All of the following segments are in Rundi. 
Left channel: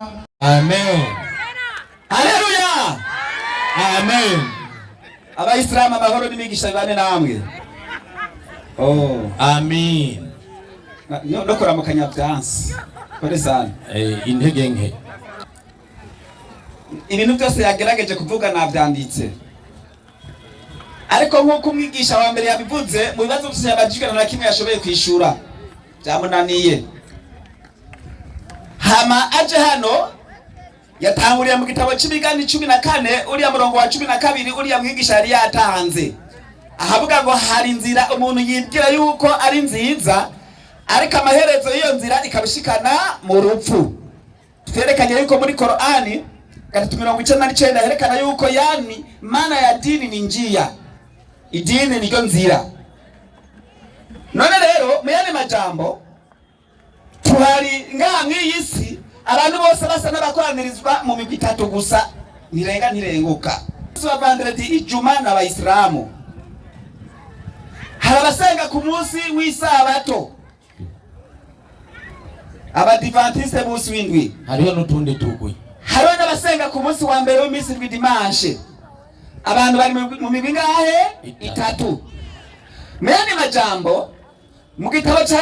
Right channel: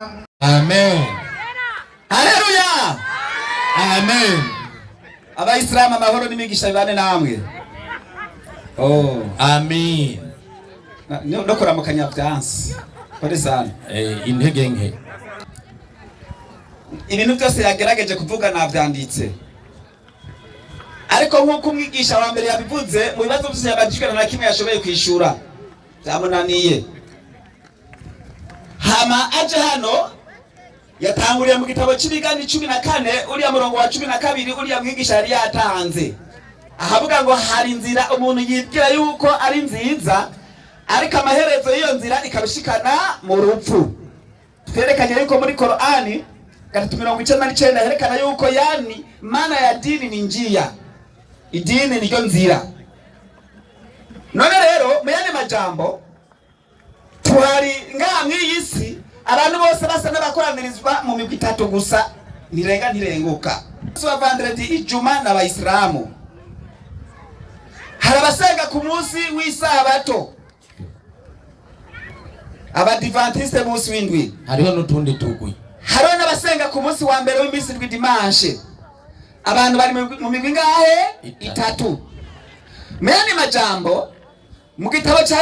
Amen. Haleluya. Amen. Abayisilamu amahoro n'imigisha bane namwe. Amen. No kuramukanya byansi. Kore sana. Intege nke. Ibintu byose yagerageje kuvuga navyanditse. Ariko nkuko umwigisha wa mbere yabivuze mu bibazo byose yabajijwe na kimwe yashoboye kwishura. Byamunaniye. Hama aje hano yatanguriye mu gitabo cy'ibigani 14 uriya murongo wa 12 uriya mwigisha yari yatanze. Ahavuga ngo hari inzira umuntu yibwira yuko ari nziza ariko amaherezo y'iyo nzira ikarushikana mu rupfu. Twerekanye yuko muri Qur'ani 19:9 herekana yuko yani maana ya dini ni njia. Idini niyo nzira. None rero mu yane majambo tuhari ngamwe yisi abantu bose basa n'abakoranirizwa mu migwi 3 gusa nirenguka. Wa vendredi ijuma na Abayisilamu harabasenga ku munsi w'isabato abadivantiste munsi w'indwi hariho n'utundi tugwi hariho n'abasenga ku munsi wa mbere w'iminsi dimanche abantu bari mu migwi ngahe 3 mene majambo mu gitabo cha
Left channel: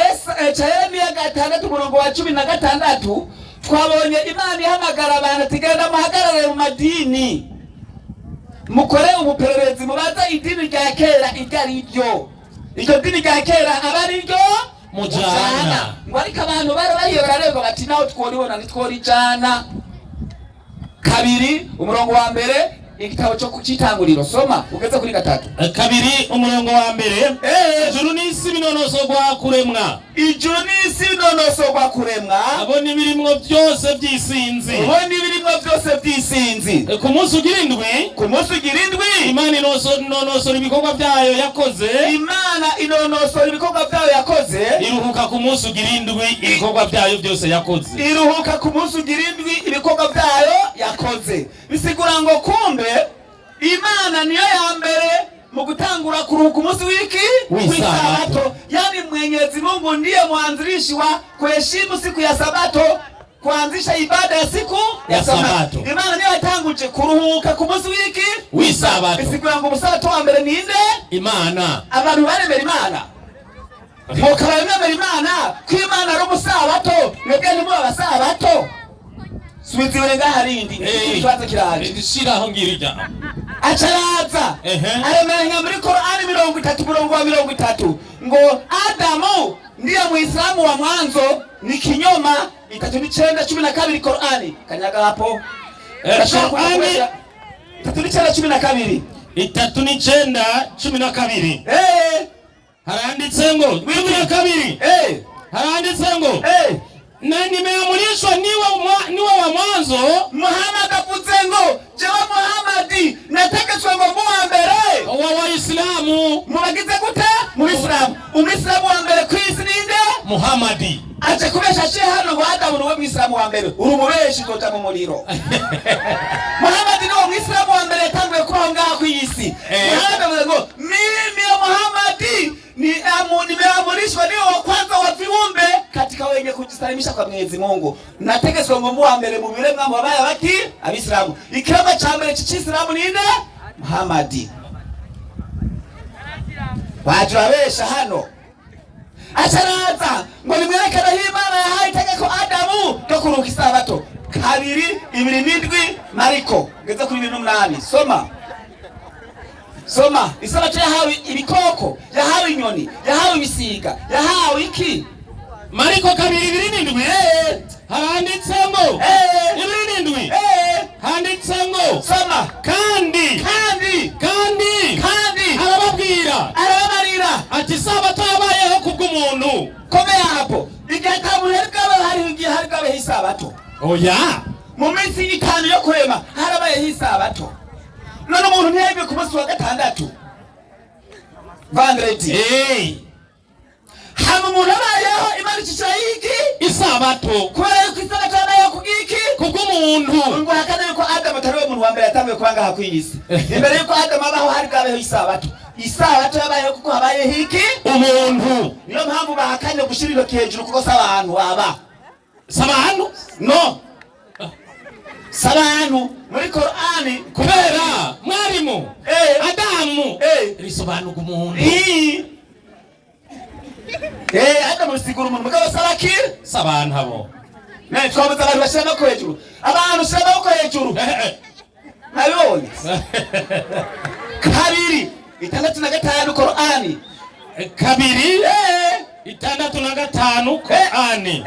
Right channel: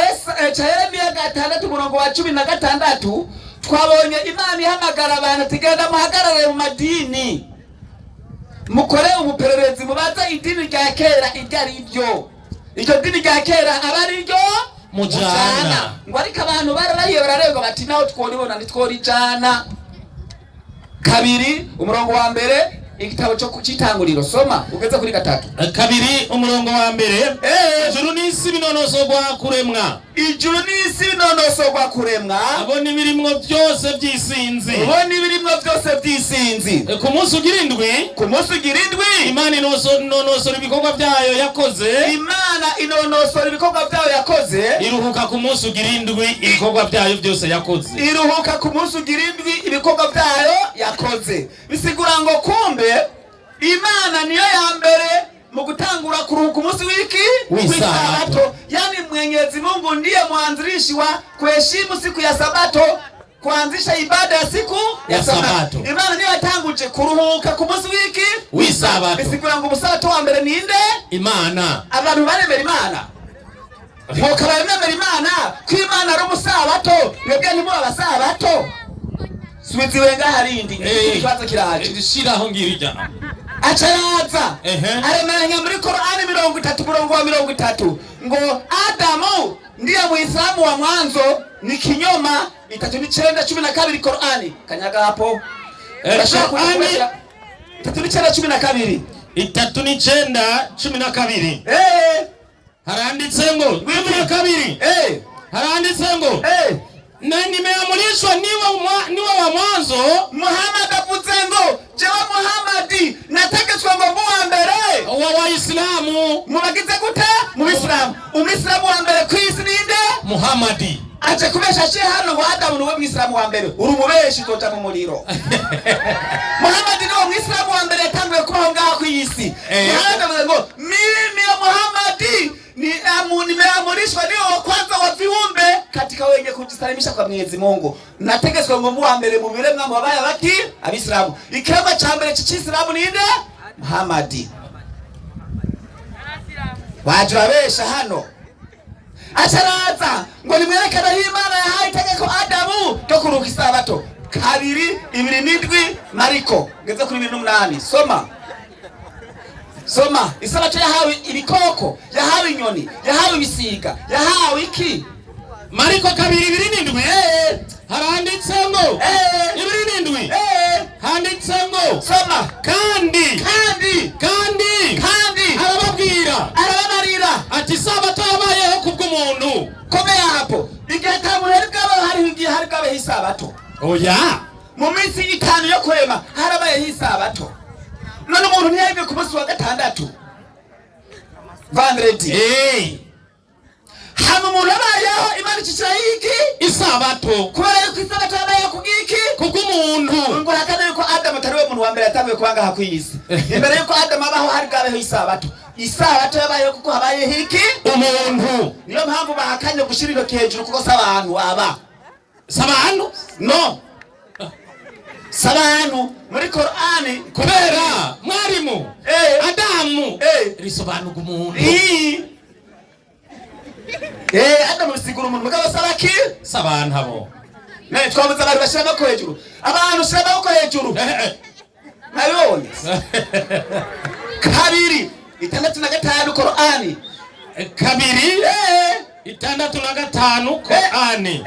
Yeremiya 6:16 twabonye Imana ihamagara abantu tigenda muhagarare mu madini mukore umupererezi mubaza idini rya kera iryari ryo iryo dini rya kera abari ryo mujana ngo ariko abantu bari bariyobora bati naho tworibona ntitworijana. Kabiri umurongo wa mbere igitabo cyo kucitanguriro soma ugeze kuri 3. Kabiri umurongo wa mbere ijuru n'isi binonosogwa kuremwa. Ijuru n'isi binonosogwa kuremwa. Abo ni birimwo byose by'isinzi. Ku munsi ugirindwi Imana inonosora ibikorwa byayo yakoze. Iruhuka ku munsi ugirindwi ibikorwa byayo byose yakoze. Bisigura ngo kumbe Imana niyo ya mbere mu gutangura kuruhuka umunsi w'isabato. Yani Mwenyezi Mungu ndiye mwanzilishi wa kuheshimu siku ya Sabato, kuanzisha ibada ya siku ya Sabato. Imana niyo yatanguje kuruhuka ku munsi w'isabato. Bisigura ngo Sabato wa mbere ninde? Imana. Abantu baremera Imana. Ntukaremera Imana ko Imana ari umusabato, mwebwe ni mu basabato. Subiziwenga harindi ikibazo kiraje shiraho ngirija acaraza aremenya muri Qur'ani 30 ngo Adamu ndiye Muislamu wa mwanzo ni kinyoma 3:9-12 Qur'ani kanyaga hapo Qur'ani 3:9-12 3:9-12 haranditse ngo 12 haranditse ngo na nimeamrishwa niwe wa mwanzo. Muhammad avuze ngo jewe Muhammad nategetswe ngo muwa mbere wa Waislamu. Muragize gute? Muislamu. Umuislamu wa mbere kwisi ninde? Muhammad. Aje kubesha she hano wa Adamu niwe Muislamu wa mbere. Uri mubeshi zota mu muriro. Muhammad niwe Muislamu wa mbere tanzwe kuronga ku isi. Muhammad avuze ngo mimi Muhammad nimeamrishwa niwe wa kwanza wa viumbe katika wenye kujisalimisha kwa Mwenyezi Mungu. Nategetswe ngo muwa mbere mu biremwa ngo abaya baki Abisilamu. Ikirema cha mbere cy'Isilamu ninde? Muhammad. Bajurabesha hano acaraza ngo nimwerekana Imana yahaye itegeko Adamu ryo kuruhuka isabato. 2:7 Mariko ngeze kuri 8 soma isabato yahawe ibikoko, yahawe inyoni, yahawe ibisiga, yahawe iki? Mariko 2:7 haranditse ngo 2:7 handitse ngo soma kandi arababwira ati sabato yabayeho kubw'umuntu. Komeye hapo igatabuleka hari igihe harikabe isabato. Oya mu minsi 5 yo kurema harabaye isabato. None umuntu ntiyayibe ku munsi wa 6 vendredi hano umuntu abayeho Imana ikishayiki isabato kubera ko isabato yabayeho kubwiki kubw'umuntu. Ngo hakana yuko Adamu atariwe umuntu wa mbere yatangiye kwanga kw'isi. Imbere yuko Adamu abaho hari kabeho isabato yabayeho kuko habaye hiki umuntu. Niyo mpamvu bahakanye gushirira hejuru kuko s'abantu aba s'abantu no Sabantu muri Qur'ani kubera mwarimu Adamu risobanuka umuntu. Adamu sigura umuntu mugabo sabaki sabantu abo. Twavuze abantu bashema ko hejuru. Abantu shema ko hejuru. Nabibonye. Kabiri 65 Qur'ani. Kabiri 65 Qur'ani.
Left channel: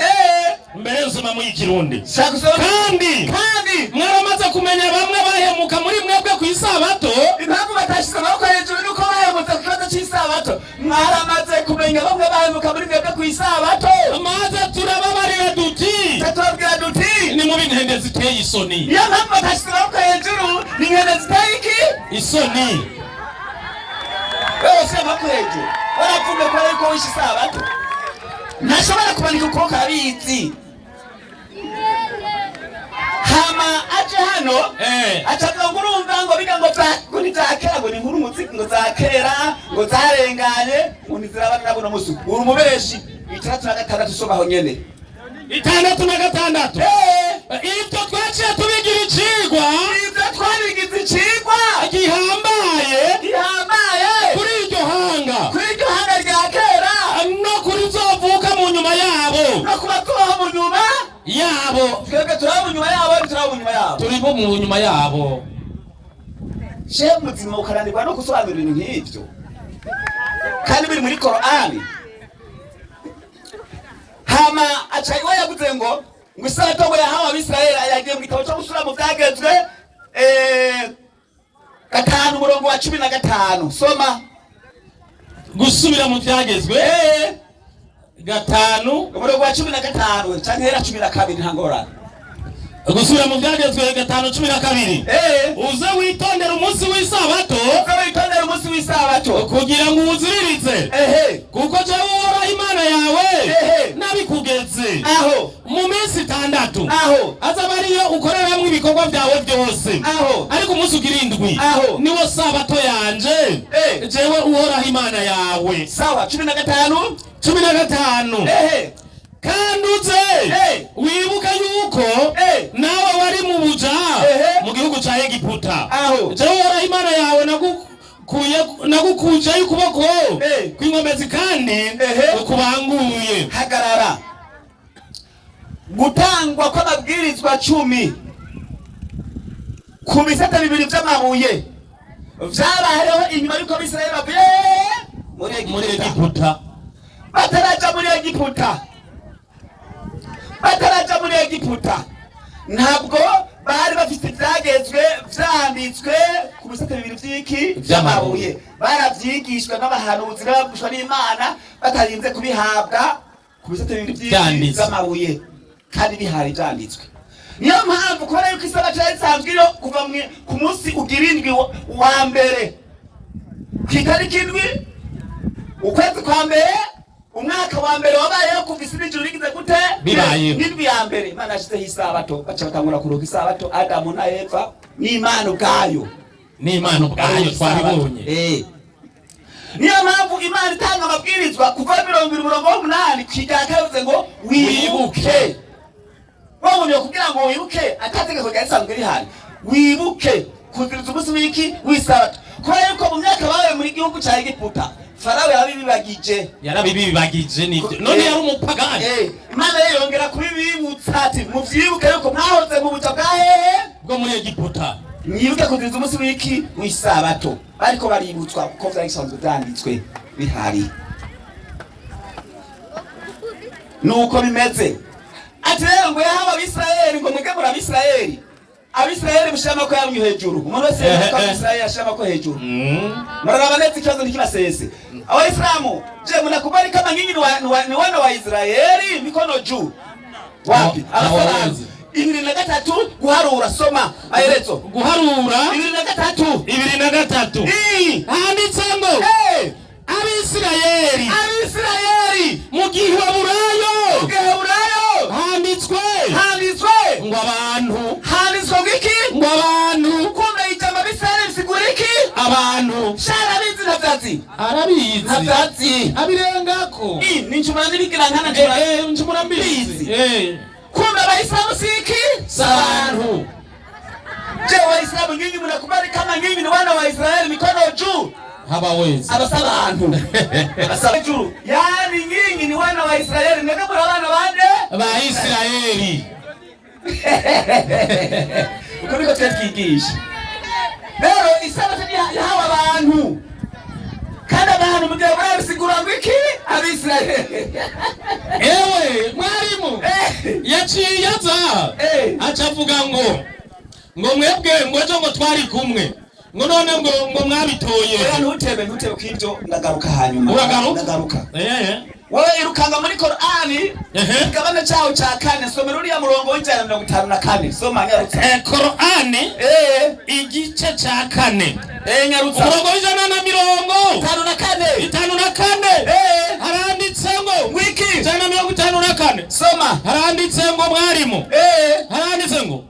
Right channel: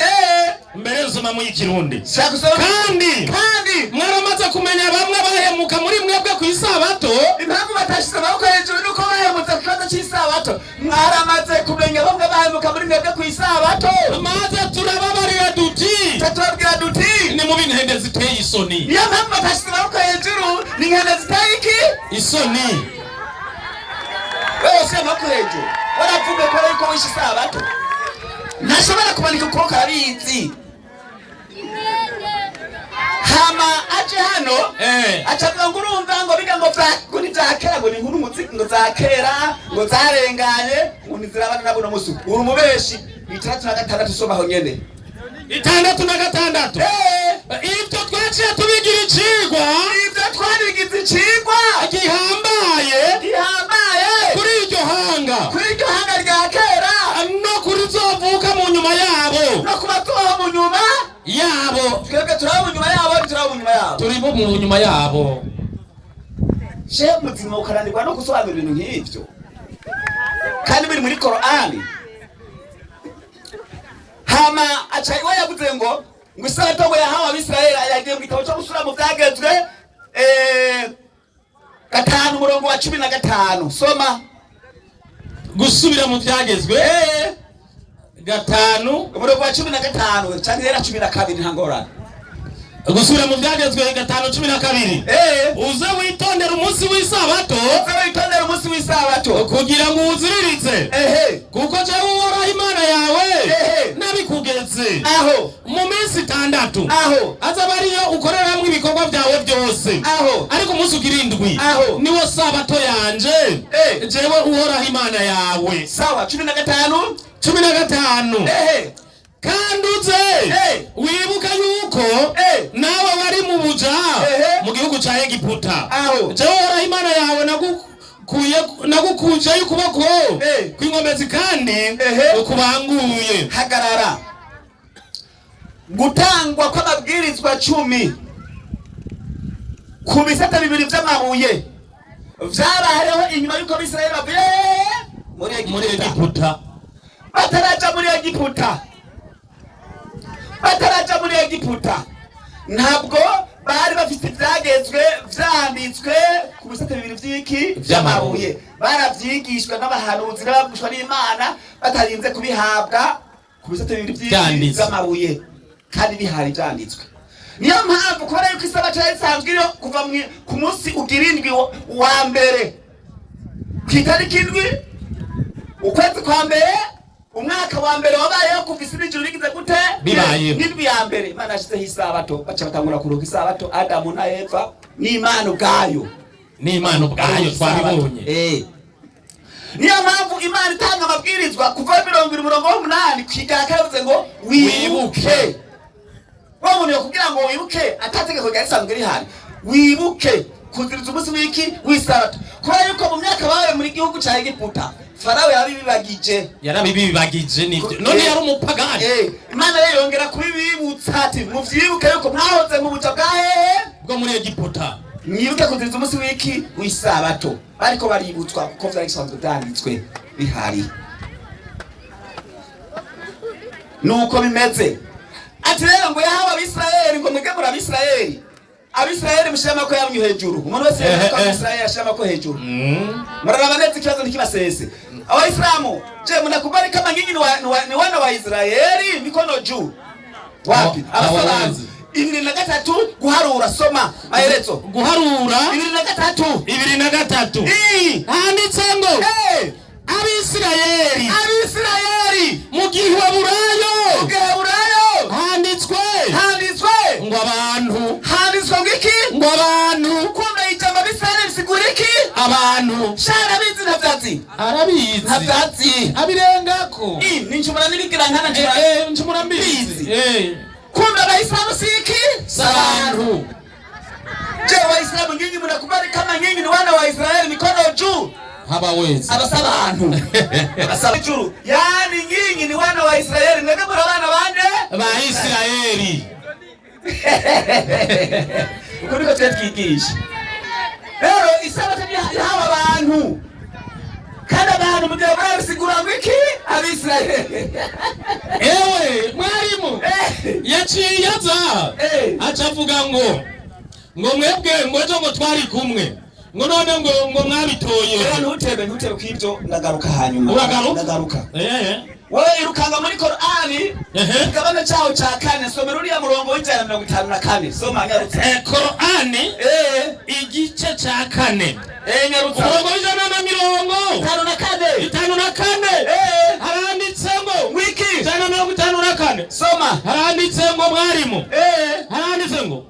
Mbere nsoma mu Kirundi. Kandi mwaramaze kumenya bamwe bahemuka muri mwebwe ku isabato. Impamvu batashize amaboko hejuru nuko bahemutse ku kibazo cy'isabato. Mwaramaze kumenya bamwe bahemuka muri mwebwe ku isabato. Maze turababarira duti. Tatubwira duti. Ni mu bintende ziteye isoni. Niyo mpamvu batashize amaboko hejuru ni nkende ziteye iki? Isoni. Wewe sema ko hejuru. Waravuga ko ariko wishe isabato. Ntashobora kumanika ukuboko abizi. Hama aje hano acavuga ngo urumva ngo biga ngo kuri zakera ngo ni nkuru muziki ngo zakera ngo zarenganye ngo nizirabana nabo musu uri mubeshi 66 sobaho nyene 66 ivyo twaciye tubigira icigwa gihambaye kuri iryo hanga rya kera no kuri zovuka mu nyuma yabo no kubatoha mu nyuma yabo twebwe turamu nyuma yabo turibo mu nyuma yabo. Sheikh Mutima ukaranirwa no gusobanura ibintu nk'ivyo kandi biri muri Qur'ani. Hama acayiwa yavuze ngo isabato ngo yahawe Abisirayeli ayagiye mu gitabo cyo gusura mu byagezwe 5:15 soma gusubira mu byagezwe 5:15 cyangwa 12 ntangora. Gusubira mu byagezwe 5:12 uze witondera umunsi w'isabato kugira ngo uziririze kuko je Uhoraho Imana yawe nabikugeze aho mu minsi 6 aho azaba ariyo ukoreramwe ibikorwa byawe byose ariko umunsi ugirindwi niwo sabato yanje jewe Uhoraho Imana yawe. Sawa 15 kandi uze wibuka yuko nawe wari mu buja mu gihugu cya Egiputa jewe Uhoraho Imana yawe nagukuje ukuboko kw'inkomezi kandi ukubanguye. Hagarara. Gutangwa kw'amabwirizwa 10 ku bisate bibiri by'amabuye vyabayeho inyuma y'uko Abisirayeli bavuye muri Egiputa. Bataraja muri Egiputa ntabwo bari bafite ibyagezwe vyanditswe ku bisate bibiri by'amabuye. Baravyigishwa n'abahanuzi n'abavushwa n'Imana batarinze kubihabwa ku bisate bibiri by'amabuye kandi bihari byanditswe. Niyo mpamvu kubera yuko isabato isanzwe yo kuva ku munsi ugirindwi wa mbere kw'itariki 7 ukwezi kwa mbere umwaka wa mbere wabayeho kuva isi n'ijuru rigize gute n'indwi ya mbere Imana yashyizeho isabato baca batangura kuruhuka isabato. Adamu na Eva n'Imana ubwayo twabibonye. Niyo mpamvu Imana itanga amabwirizwa kuva 80 kwigaka yavuze ngo wibuke. Wabonye kugira ngo wibuke atategeko ryasanzwe rihari wibuke kuziriza umunsi w'isabato kubera yuko mu myaka bawe muri gihugu cya Egiputa Farawo yarabibibagije nivyo none yari umupagani. Imana yongera kubibibutsa ati muvyibuke yuko mwahoze mu buja bwo muri Egiputa mwibuke kuziriza umunsi w'isabato ariko baributswa kuko vyari bisanzwe byanditswe bihari. Nuko bimeze ati rero ngo yahawe Abisirayeli ngo mwige muri Abisirayeli mushama ko yamwe hejuru umuntu wese ko Abisirayeli ashama ko hejuru mararaba netse ikibazo nikibasese Abayisilamu je munakubali kama nyinyi ni wana wa Israeli mikono juu wapi abafaranzi 23 guharura soma ayerezo guharura 23 handitse ngo Abisirayeli mu Giheburayo handitswe ngo abantu ngo abantu kumbe ijambo Abisirayeli sigura iki abantu shara bizi arabizi abirengako ni njumura nibigira nkana njumura mbizi kumbe Abayisilamu Sabantu. Je, Waislamu nyinyi mnakubali kama nyinyi ni wana wa Israeli? Mikono juu. Habawezi. Abasabantu. Abasabantu. Yani nyinyi ni wana wa Israeli, mwege muri abana bande? Ba Israeli. Uko niko twigisha. Rero isabato ni hawa bantu. Kandi abantu mugihe barabisigura ngo iki? Abisirayeli. Ewe mwarimu yaciye aza acavuga ngo mwebwe mwejo ngo twari kumwe ngo none ngo mwabitoye. Ntutebe kw'ibyo ndagaruka hanyuma. Ndagaruka. Wewe irukanga muri Qur'ani igabane cyaho cya 4 somero uriya murongo w'154 soma nyarutse. Qur'ani igice cya 4 nyarutse murongo w'154 haranditse ngo wiki 154 soma haranditse ngo mwarimu haranditse ngo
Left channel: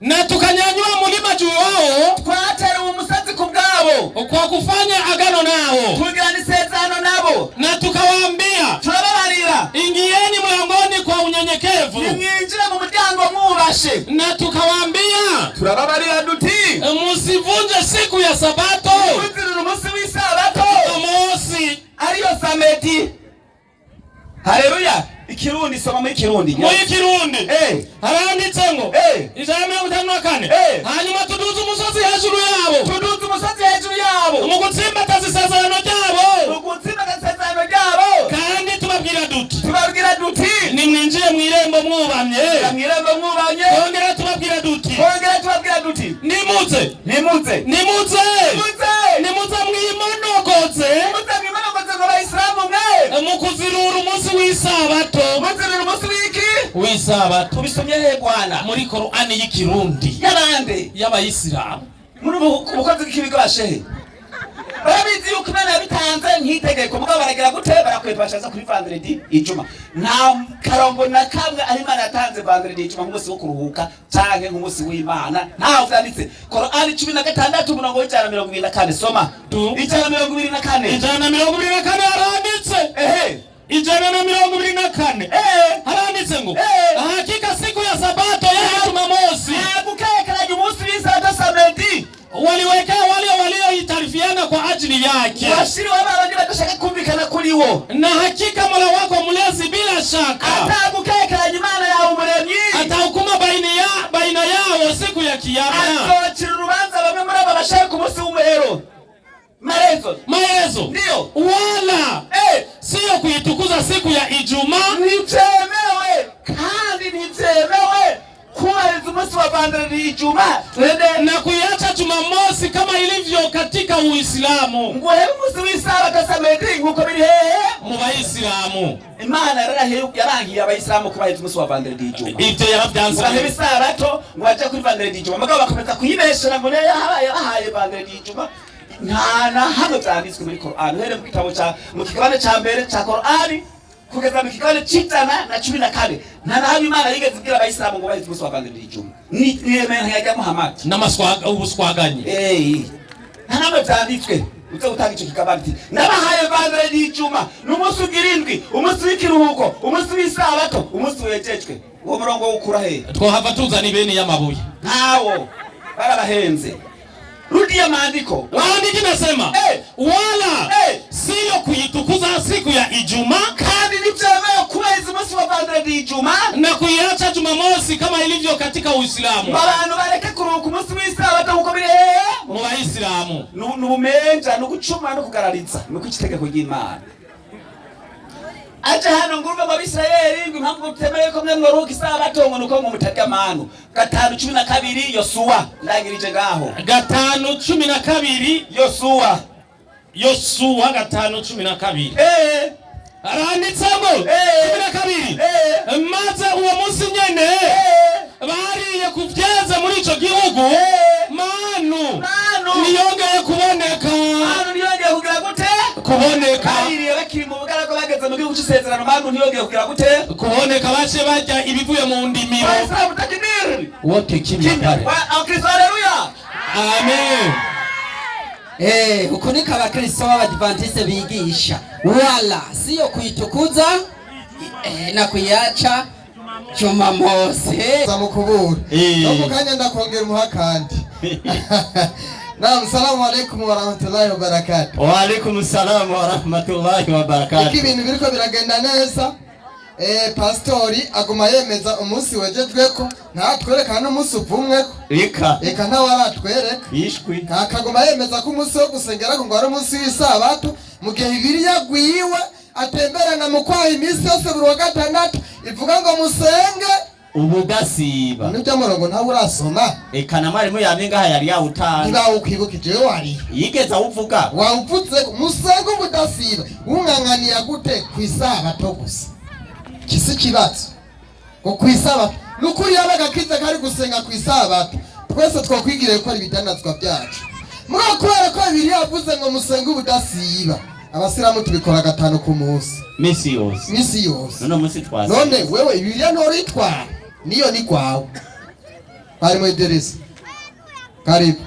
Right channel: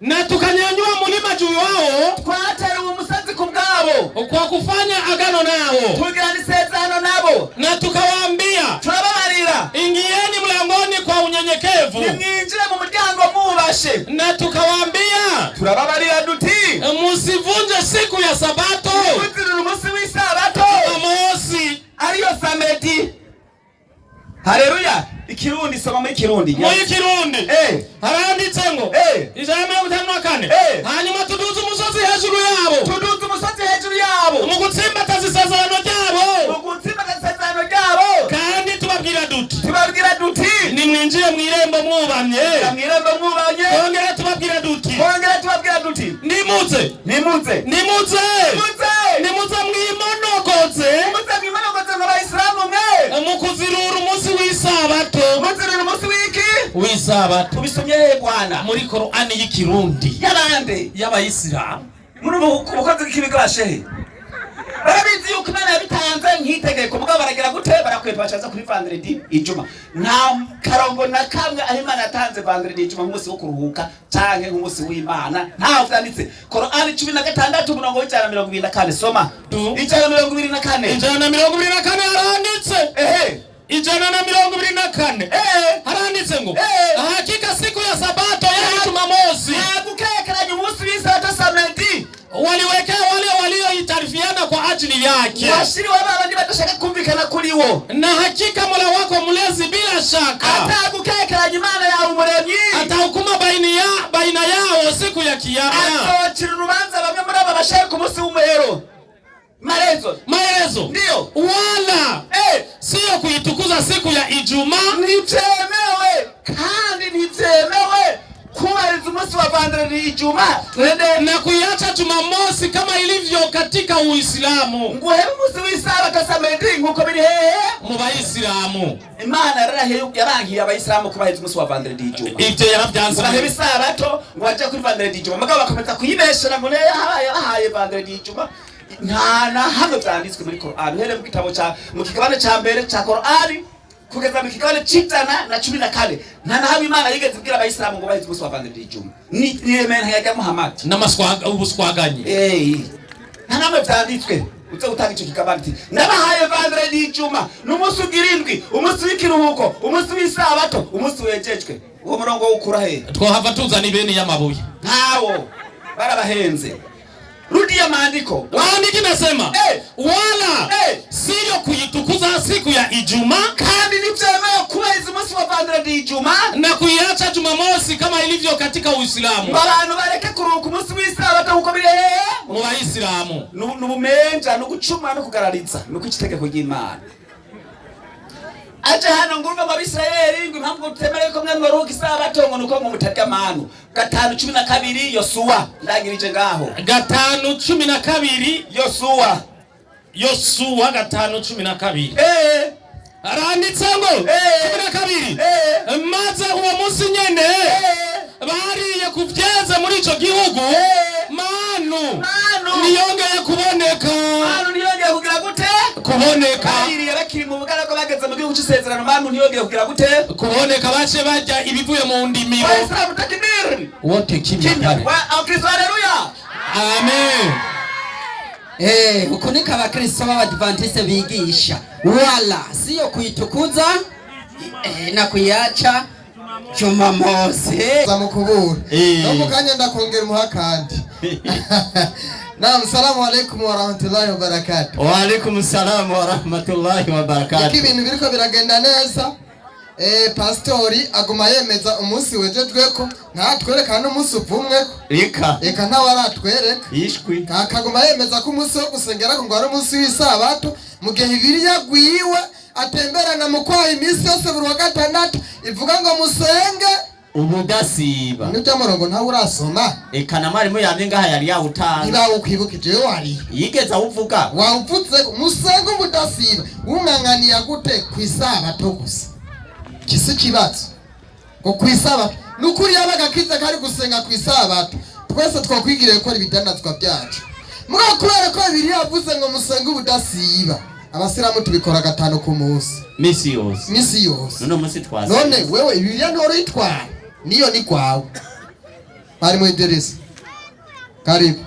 na tukanyanyua mulima juu wao twatari umusazi ku bwabo kwa kufanya agano nao tugirana isezerano nabo na tukawaambia turababarira ingieni mlangoni kwa unyenyekevu mwinjire mu muryango mubashe na tukawaambia turababarira duti musivunje siku ya sabato kutirira umunsi w'isabato umunsi ariyo samedi. Haleluya. Ikirundi soma muri Kirundi. Muri Kirundi. Haranditse ngo 154. Hanyuma tuduze umusozi hejuru yabo. Tuduze umusozi hejuru yabo. Mu gutsimbataza isezerano ryabo. Mu gutsimbataza isezerano ryabo. Kandi tubabwira duti. Ni mwinjiye mu irembo mwubamye. Mu irembo mwubamye. Kongera tubabwira duti. Nimuze mwimonogoze. Abayisilamu mwe. Mukuzirura umunsi w'isabato. Muzirura umunsi w'iki? W'isabato. Tubisomye he Bwana? Muri Qur'ani y'Ikirundi. Yarande y'Abayisilamu. Muri ubukozi bw'ikibiga bashehe. Barabizi yuko Imana yabitanze nk'itegeko mugabo baragira gute barakwepa bashaza kuri vendredi ijuma. Nta karongo na kamwe aho Imana yatanze vendredi ijuma nk'umunsi wo kuruhuka canke nk'umunsi w'Imana. Nta vyanditse. Qur'ani 16 umurongo w'124 soma. 124. 124 haranditse. 124 haranditse ngo hakika siku ya sabato ya Jumamosi hakukekeranya umunsi w'isabato samedi waliwekea walioitarifiana kwa ajili yake washiri wabandi badashaka kumvikana kuri wo na hakika Mola wako mlezi bila shaka atakukekeranya Imana yawe umuremyi atahukuma baina yao siku ya kiyama atocira urubanza bamwe muri abo bashaka ku munsi w'umuhero. Maelezo ndio wala sio kuitukuza siku ya Ijumaa nitemewe kandi nitemewe kuweza umunsi wa vendredi Ijumaa na kuiacha Jumamosi kama ilivyo katika Uislamu nguhere umunsi w'isabato samedi nkuko biri mu Bayisilamu. Imana yarangiye Abayisilamu kubahiza umunsi wa vendredi Ijumaa ibyo yaravyanze bahe isabato ngwaje kuri vendredi Ijumaa mugabo bakomeza kuyibeshera ngo yahaye vendredi Ijumaa. Nta hamwe byanditswe muri Qur'ani here mu gitabo mu kigabane cya mbere cya Qur'ani kugeza mu kigabane c'14 nta naho Imana yigeze ibwira Abayisilamu ngo bahize umunsi wa vendredi Ijumaa. Ni Yemen ya Muhammad n'amaswaga ubuswaganye nta hamwe byanditswe uko gutanga icyo kigabane nabahaye vendredi Ijumaa n'umunsi w'irindwi umunsi w'ikiruhuko umunsi w'isabato umunsi wejejwe uwo murongo w'ukura he twahava tuzana ibeni y'amabuye ntawo barabahenze. Rudia maandiko. Maandiko inasema wala sio kuitukuza siku ya Ijumaa kandi nitaweza kuweza umunsi wa vendredi Ijumaa na kuiacha Jumamosi kama ilivyo katika Uislamu. Abantu bareke kuruhuka umunsi w'isabato uko biri mu Bayisilamu. Nubumenja no gucuma no kugarariza no kukitegeko ry'Imana. Acha hano ngurube Abisirayeli ngo impamvu tutemere ko mwana waruka isabato ngo nuko mu mutagamano 5:12 Yosuwa ndangirije ngaho 5:12 Yosuwa 5:12 aranditse ngo 12 maze uwo munsi nyene bariye kuvyeza muri ico gihugu manu niyongeye kuboneka kugira gute kuboneka bariye bakiri mu bugaragwa bageze mu gihugu cy'isezerano manu niyongeye kugira gute kuboneka bace bajya ibivuye mu ndimiro wote kimya haleluya amen. Uko niko abakristo b'Abadventiste bigisha wala sio kuitukuza na kuiacha Jumamosi zamukubura no mukanya ndakongera umuhakandi. Naam, salamu alaykum wa rahmatullahi wa barakatuh. Wa alaykum salam wa rahmatullahi wa barakatuh. Ibintu biriko biragenda neza. Pastori aguma yemeza umunsi wejejweko ntatwereka n'umunsi uvumwe eka ntawaratwereka ishwi akaguma yemeza ko umunsi wo gusengera ko ngo ari umunsi w'isabato mu gihe Bibiliya gwiwe atemberana mu kwaha iminsi yose buri wa gatandatu ivuga ngo musenge ubudasiba n'ibyo murongo ntawe urasoma eka na mwarimu yamye ngaha yari yawutanga niba ukwibukije wari yigeze awuvuga wawuvutse musenge ubudasiba umwanganiye gute ku isabato gusa kisi kibazo ngo ku isabato n'ukuri yabaga kiza kari gusenga ku isabato twese twokwigire gukora ibidandazwa byacu mwakubera ko Bibiliya yavuze ngo musenge ubudasiba abasiramu tubikora 5 ku munsi misi yose no munsi twaza none wewe Bibiliya ntoro itwara niyo ni kwawe bari mu Idirisa karibu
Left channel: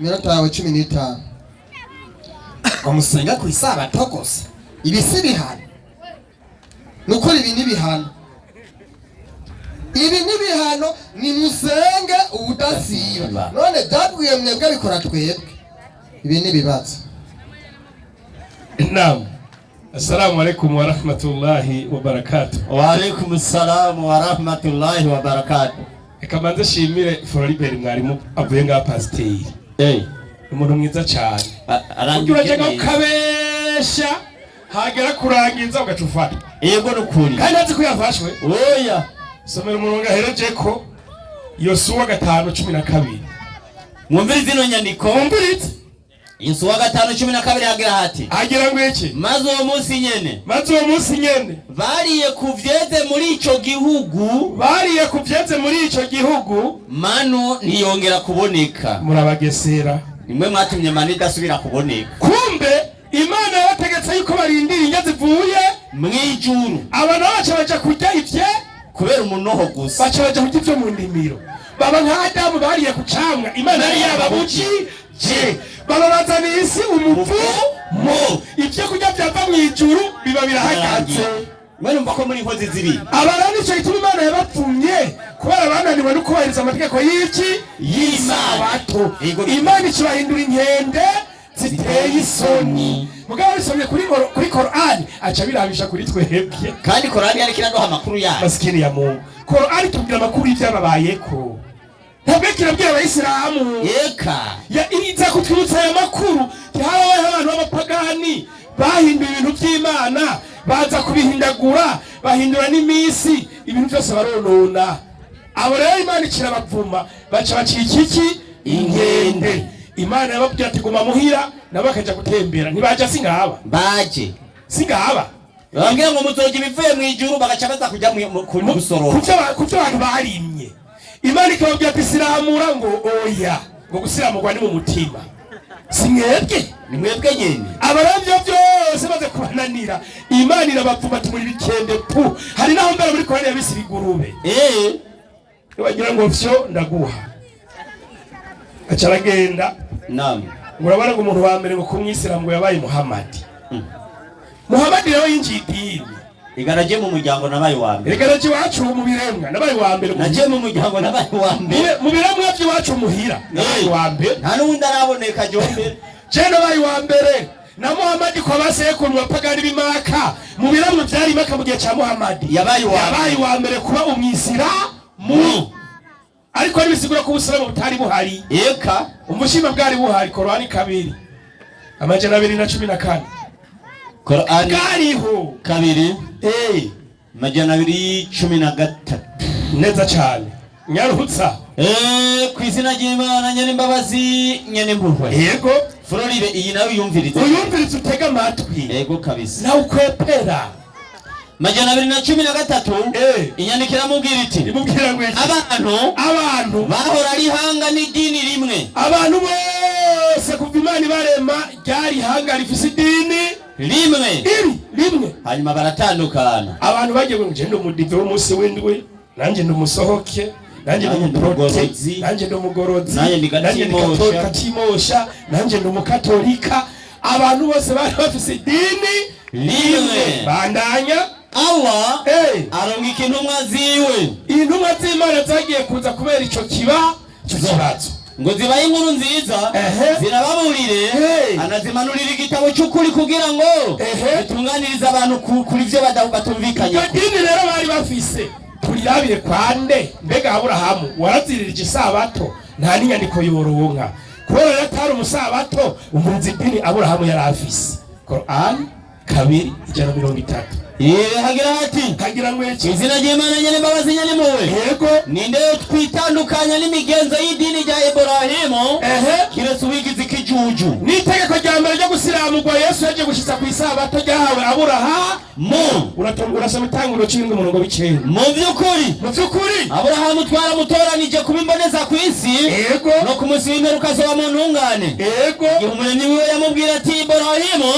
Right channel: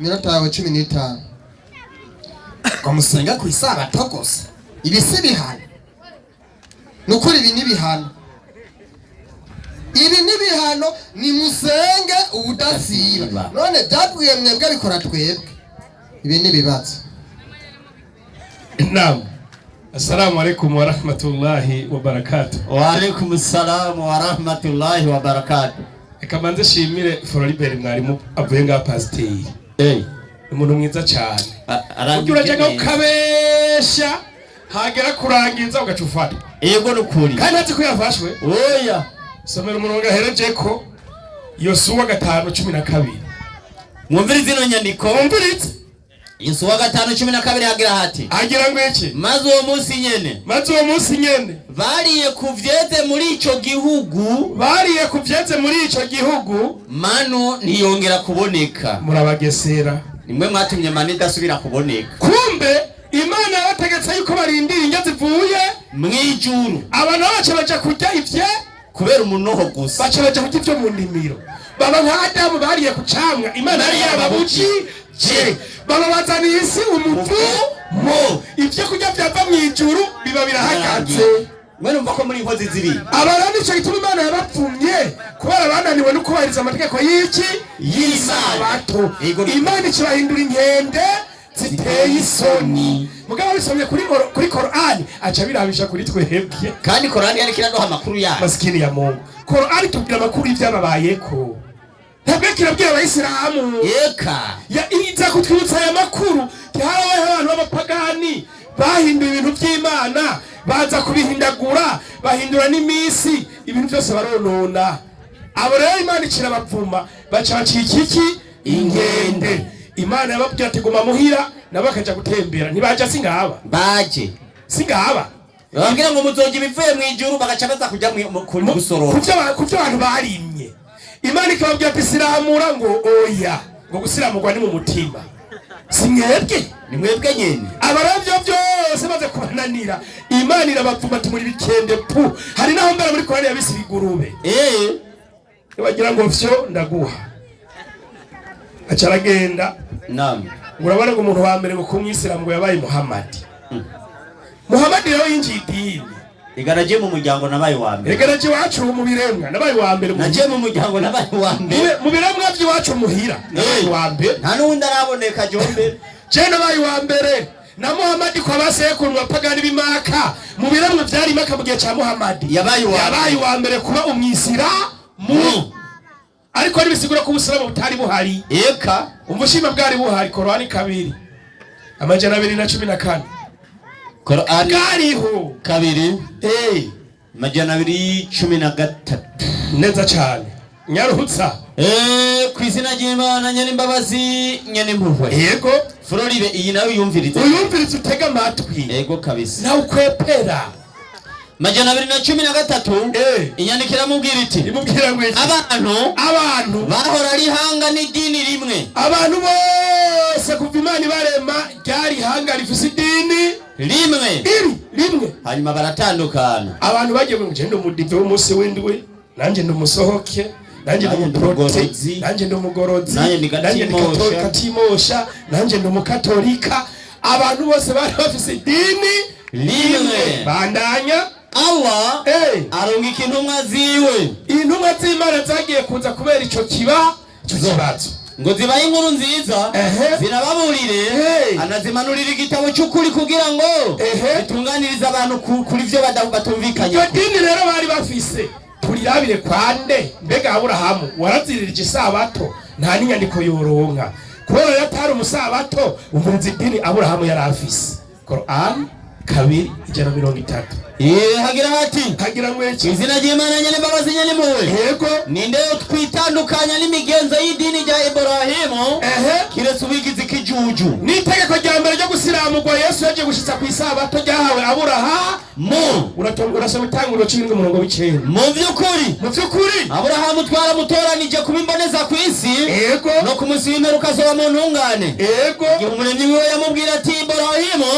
minota yawe 15 umusenga ku isabato gusa ibisi bihano nukuri ibi nibihano ni musenge ubudasiba none dabwiye mwebwe bikora twebwe ibi nibibazo. Naam. Assalamu alaykum wa rahmatullahi wa barakatuh. Wa alaykum assalam wa rahmatullahi wa barakatuh. Ekamanze shimire Floribert mwarimu avuyenga pasiteri. Umuntu mwiza cyane. Urajyaga ukabesha hagera kurangiza ugacufata. Yego nukuri. Kandi ati ko yafashwe. Oya. Somera umuntu gahereje ko Yosuwa 5:12. Mwumvire zino nyandiko. Mwumvire Yosuwa 5:12 hagira hati. Hagira ngo iki? Maze uwo munsi nyene. Bariye kuvyeze muri ico gihugu. Manu ntiyongera kuboneka. Murabagesera. Nimwe mwatumye manu idasubira kuboneka. Kumbe Imana yabategetse yuko barindira inge zivuye mwijuru. Abantu bacu baja kurya ivye kubera umunoho gusa. Baca baja kurya ivyo mu ndimiro. Baba nka Adamu bariye kucamwa. Imana yari yababuci je. Baba bazaniye isi umuvumo. Ivyo kurya vyava mwijuru biba birahagaze. Mwene mbako muri inkozi zibi. Abarani ico gituma Imana yabapfumye kubera bananiwe no kubahiriza amategeko y'isabato. Imana ikibahindura inkende ziteye isoni. Mugabo bisomye kuri Qur'an aca birabisha kuri twebwe. Kandi Qur'an yari kiraduha amakuru yayo. Maskini ya Mungu. Qur'an tubwira amakuru y'ibyababayeko. Ntabwo kirabwira abayisilamu. Yeka. Ya iza kutwibutsa aya makuru. Habaye abantu b'abapagani bahinduye ibintu by'Imana baza kubihindagura bahindura n'imisi ibintu byose baronona. Abo rero Imana ikirabavuma baca bacika iki inkende. Imana yababwira ati guma muhira nabo bakaja gutembera ntibaje singaba baje singaba bambwira ngo muzoga ibivuye mu ijuru bagaca baza kujya ku busoro kuvyo abantu barimye. Imana ikababwira ati siramura ngo oya ngo gusiramurwa ni mu mutima simwebwe ni mwebwe nyene. Abaravyo byose baze kubananira Imana irabapfuma ati muri bikende pu hari naho mbere muri Qur'ani yabisi bigurube bagira ngo vyo ndaguha acaragenda. Naam. Murabona ngo umuntu wa mbere ngo kumwisiramu ngo yabaye Muhammad. Muhammad rero yinjiye idini. Igaraje mu muryango nabaye wa mbere. Igaraje wacu mu biremwa nabaye wa mbere. Naje mu muryango nabaye wa mbere. Mu biremwa by'iwacu muhira nabaye wa mbere. Nta nundi araboneka jombe. Je nabaye wa mbere. Na Muhammad kwa basekuru bapagani bimaka. Mu biremwa byari maka mu gihe cya Muhammad. Yabaye wa mbere kuba umwisiramu. Ariko nibisigura ko ubusiramu butari buhari. Eka umushima bwari buhari. Qur'ani 2:214 Qur'ani kariho 2:13 neza cyane nyaruhutsa kwizina ry'Imana nyene imbabazi nyene impuhwe. Yego Floribe iyi nawe yumvirize utega amatwi. Yego kabisa na ukwepera 2:13 inyandikira mubwira iti imubwira ngo abantu bahora rihanga n'idini rimwe. Abantu bose kuva Imana barema ryari hanga rifise idini rimwe hanyuma baratandukana. Abantu bagiye ngo je ndumudive w'umunsi w'indwi nanje ndumusohoke nanje ndumuprotezi nanje ndumugorozi nanje ndikatimosha nanje ndumukatolika. Abantu bose bari bafise idini rimwe bandanya Allah arungika intumwa ziwe. Intumwa z'Imana zagiye kuza kubera ico kibazo ngo zibaye inkuru nziza zirababurire anazimanurira igitabo cy'ukuri kugira ngo zitunganirize abantu kuri byo batumvikanye. Iyo dini rero bari bafise turirabire kwande mbega Aburahamu waraziririje isabato nta n'inyandiko yoronka kubera yatari umusabato umurinzi dini Aburahamu yari afise. Quran 2:130 hagira bati hagira ngweki izina ry'Imana nyene mbabazi nyene muwe yego ninde twitandukanya n'imigenzo y'idini rya Ibrahimu kiretse ubigize kijuju n'itegeko rya mbere ryo gusiramurwa Yesu yaje gushitsa ku isabato ryahawe Aburahamu. Urasoma Itanguriro 10:9 mu vy'ukuri Aburahamu twaramutoranije kuba imboneza ku isi yego no ku munsi w'imperuka azoba mu ntungane yego igihe umuremyi wiwe yamubwira ati Ibrahimu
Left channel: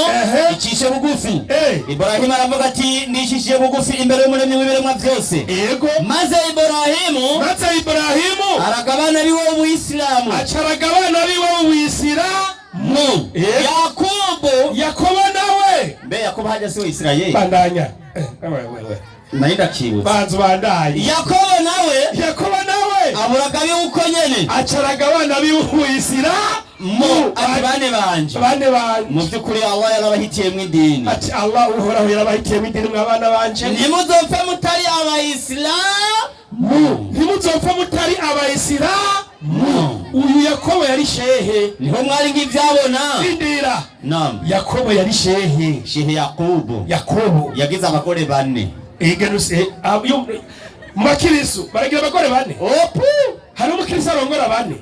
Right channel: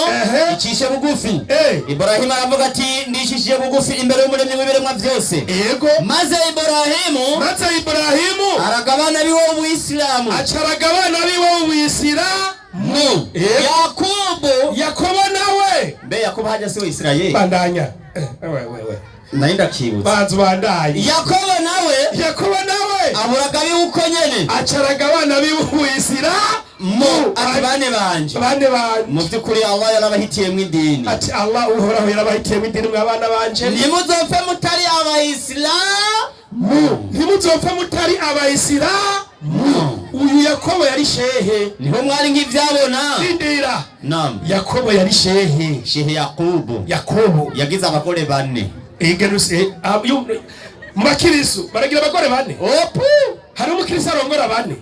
icishe bugufi Ibrahimu aravuga ati ndishishije bugufi imbere y'umuremyi w'ibiremwa byose yego maze Ibrahimu aragabana biwe mu Islamu acaragabana biwe mu Islamu Yakobo nawe mbe Yakobo haja si wa Israeli bandanya naenda kibuza banzu bandanya Yakobo nawe aburaga biuko nyene acaragabana biwe mu Islamu ati bane banje mu by'ukuri Allah yarabahitiyemo idini ati Allah uhoraho yarabahitiyemo idini mwabana banje ntimuzopfe mutari abayisilamu uyu Yakobo yari shehe niho mwari nk'ivyabona indira naam Yakobo yari shehe Yakobo yagize abagore bane egeruse Mukirisu baragira abagore bane hari umukirisu arongora bane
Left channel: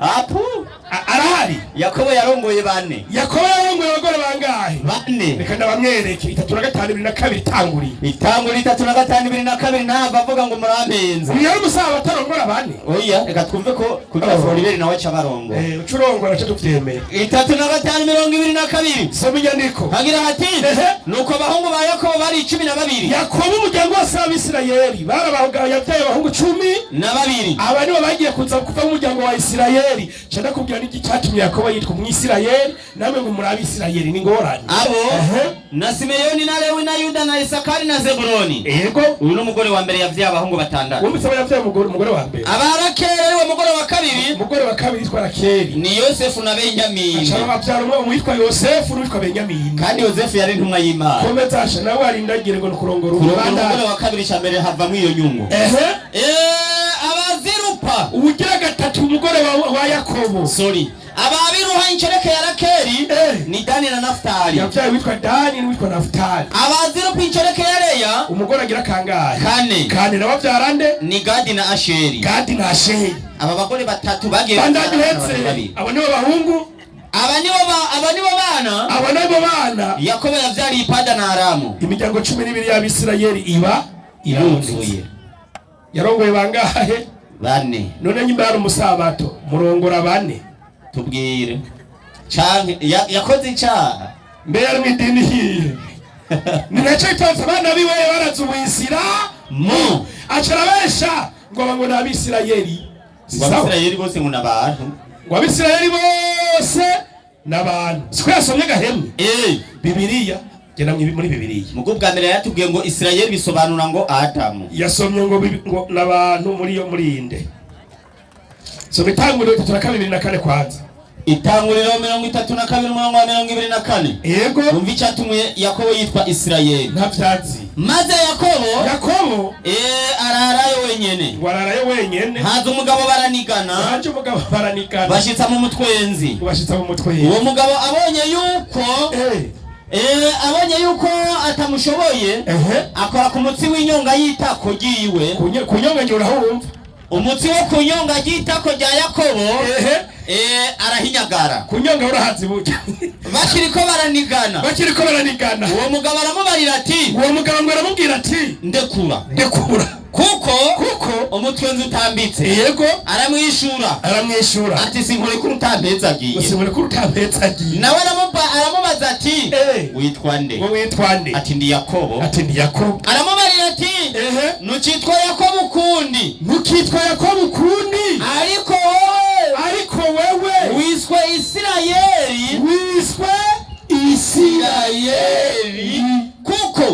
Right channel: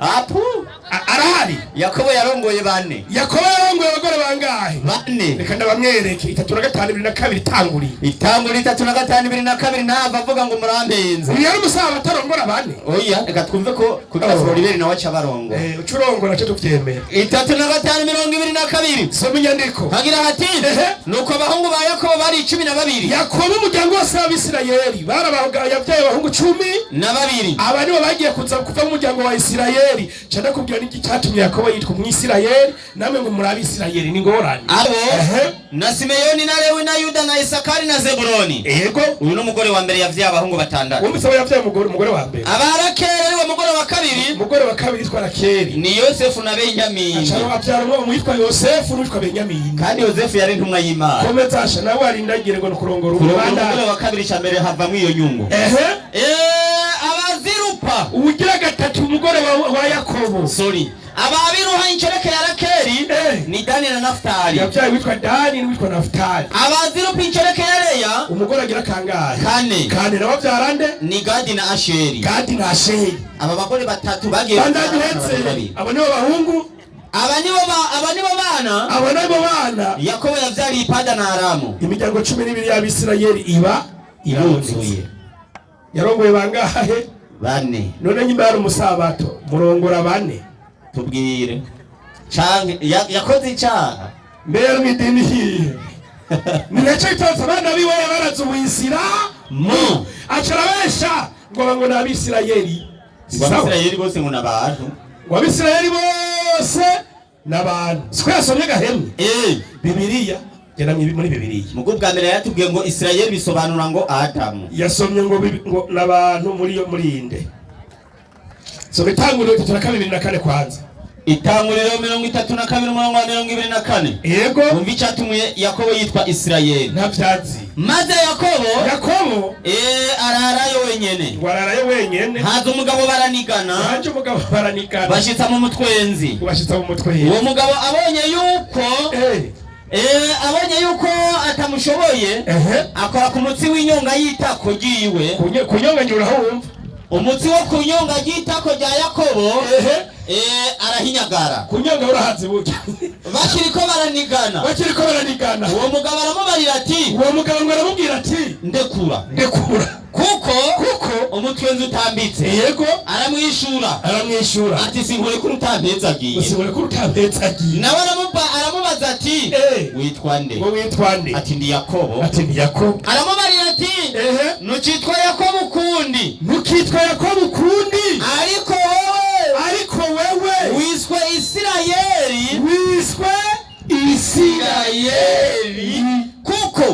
arahari Yakobo yarongoye bane abagore bangahe bane reka ndabamwereke 3:5-2 Itanguriro 3:5-2 ntava avuga ngo murampenze yari umusaba atarongora bane oya reka twumve ko kugira Floribert nawe acabarongo ucurongora cyo tuvyemera 3:5-2 soma inyandiko hagira hati nuko abahungu ba Yakobo bari 12 Yakobo umuryango wose w'Abisirayeli barabagaya yabyaye abahungu 12 aba nibo bagiye kuza kuva mu muryango wa Isirayeli cyane kubwira n'iki cyatumye Yakobo yitwa umwisirayeli namwe ngo muri Abisirayeli ni ngorane abo na Simeyoni na Lewi na Yuda na Isakari na Zebuloni yego uyu n'umugore wa mbere yavyaye abahungu 6 umusaba yavyaye umugore wa mbere abarakeri ari we mugore wa kabiri yitwa Rakeri ni Yosefu na Benyamini cyangwa abyara umwe witwa Yosefu n'uwitwa Benyamini kandi Yosefu yari intumwa y'Imana komezasha nawe arindagire ngo nukurongora umugore wa kabiri cyambere hava mu iyo nyungu abazirupa ugira gatatu umugore wa Yakobo ababiruha inchereke ya Rakeri ni Dani na Naftali yavyaye witwa Dani n'uwitwa Naftali abazirupa inchereke ya Leya umugore agira kangahe kane na bavyara nde ni Gadi na Asheri aba bagore batatu bagiye abo nibo bahungu aba nibo bana Yakobo yavyariye Pada na Aramu imiryango 12 y'Abisirayeli iba iruzuye yarongoye bangahe bane none nyimba yari umusabato murongora bane tubwire canke yakoze icyaha mbe yari mwidini hiye ni naco itoza abana biwe barazuwisira acarabesha ngo n'Abisirayeli Abisirayeli bose ngo nabantu Abisirayeli bose nabantu siko yasomye gahemwe Bibiliya genda muri Bibiliya mugo bwa mbere yatubwiye ngo Isirayeli bisobanura ngo Adamu yasomye ngo nabantu muri inde so Itanguriro 3:2 kwanza Itanguriro 32:24 yego umva icyatumye Yakobo yitwa Isirayeli ntavyazi maze Yakobo ararayo wenyene haza umugabo baranigana bashitsa mu mutwenzi uwo mugabo abonye yuko atamushoboye akora ku mutsi w'inyonga y'itako ryiwe kunyonga njye urahumva umutsi wo kunyonga y'itako rya Yakobo arahinyagara kunyonga urahazi buke bakiriko baranigana uwo mugabo aramubwira ati ndekura kuko umutwenzi utambitse yego aramwishura ati sinkore kuri utambetsagiye nawe aramubaza ati witwa nde ati ndi Yakobo aramubwira ati nukitwa Yakobo ukundi ariko wewe wiswe Isirayeli kuko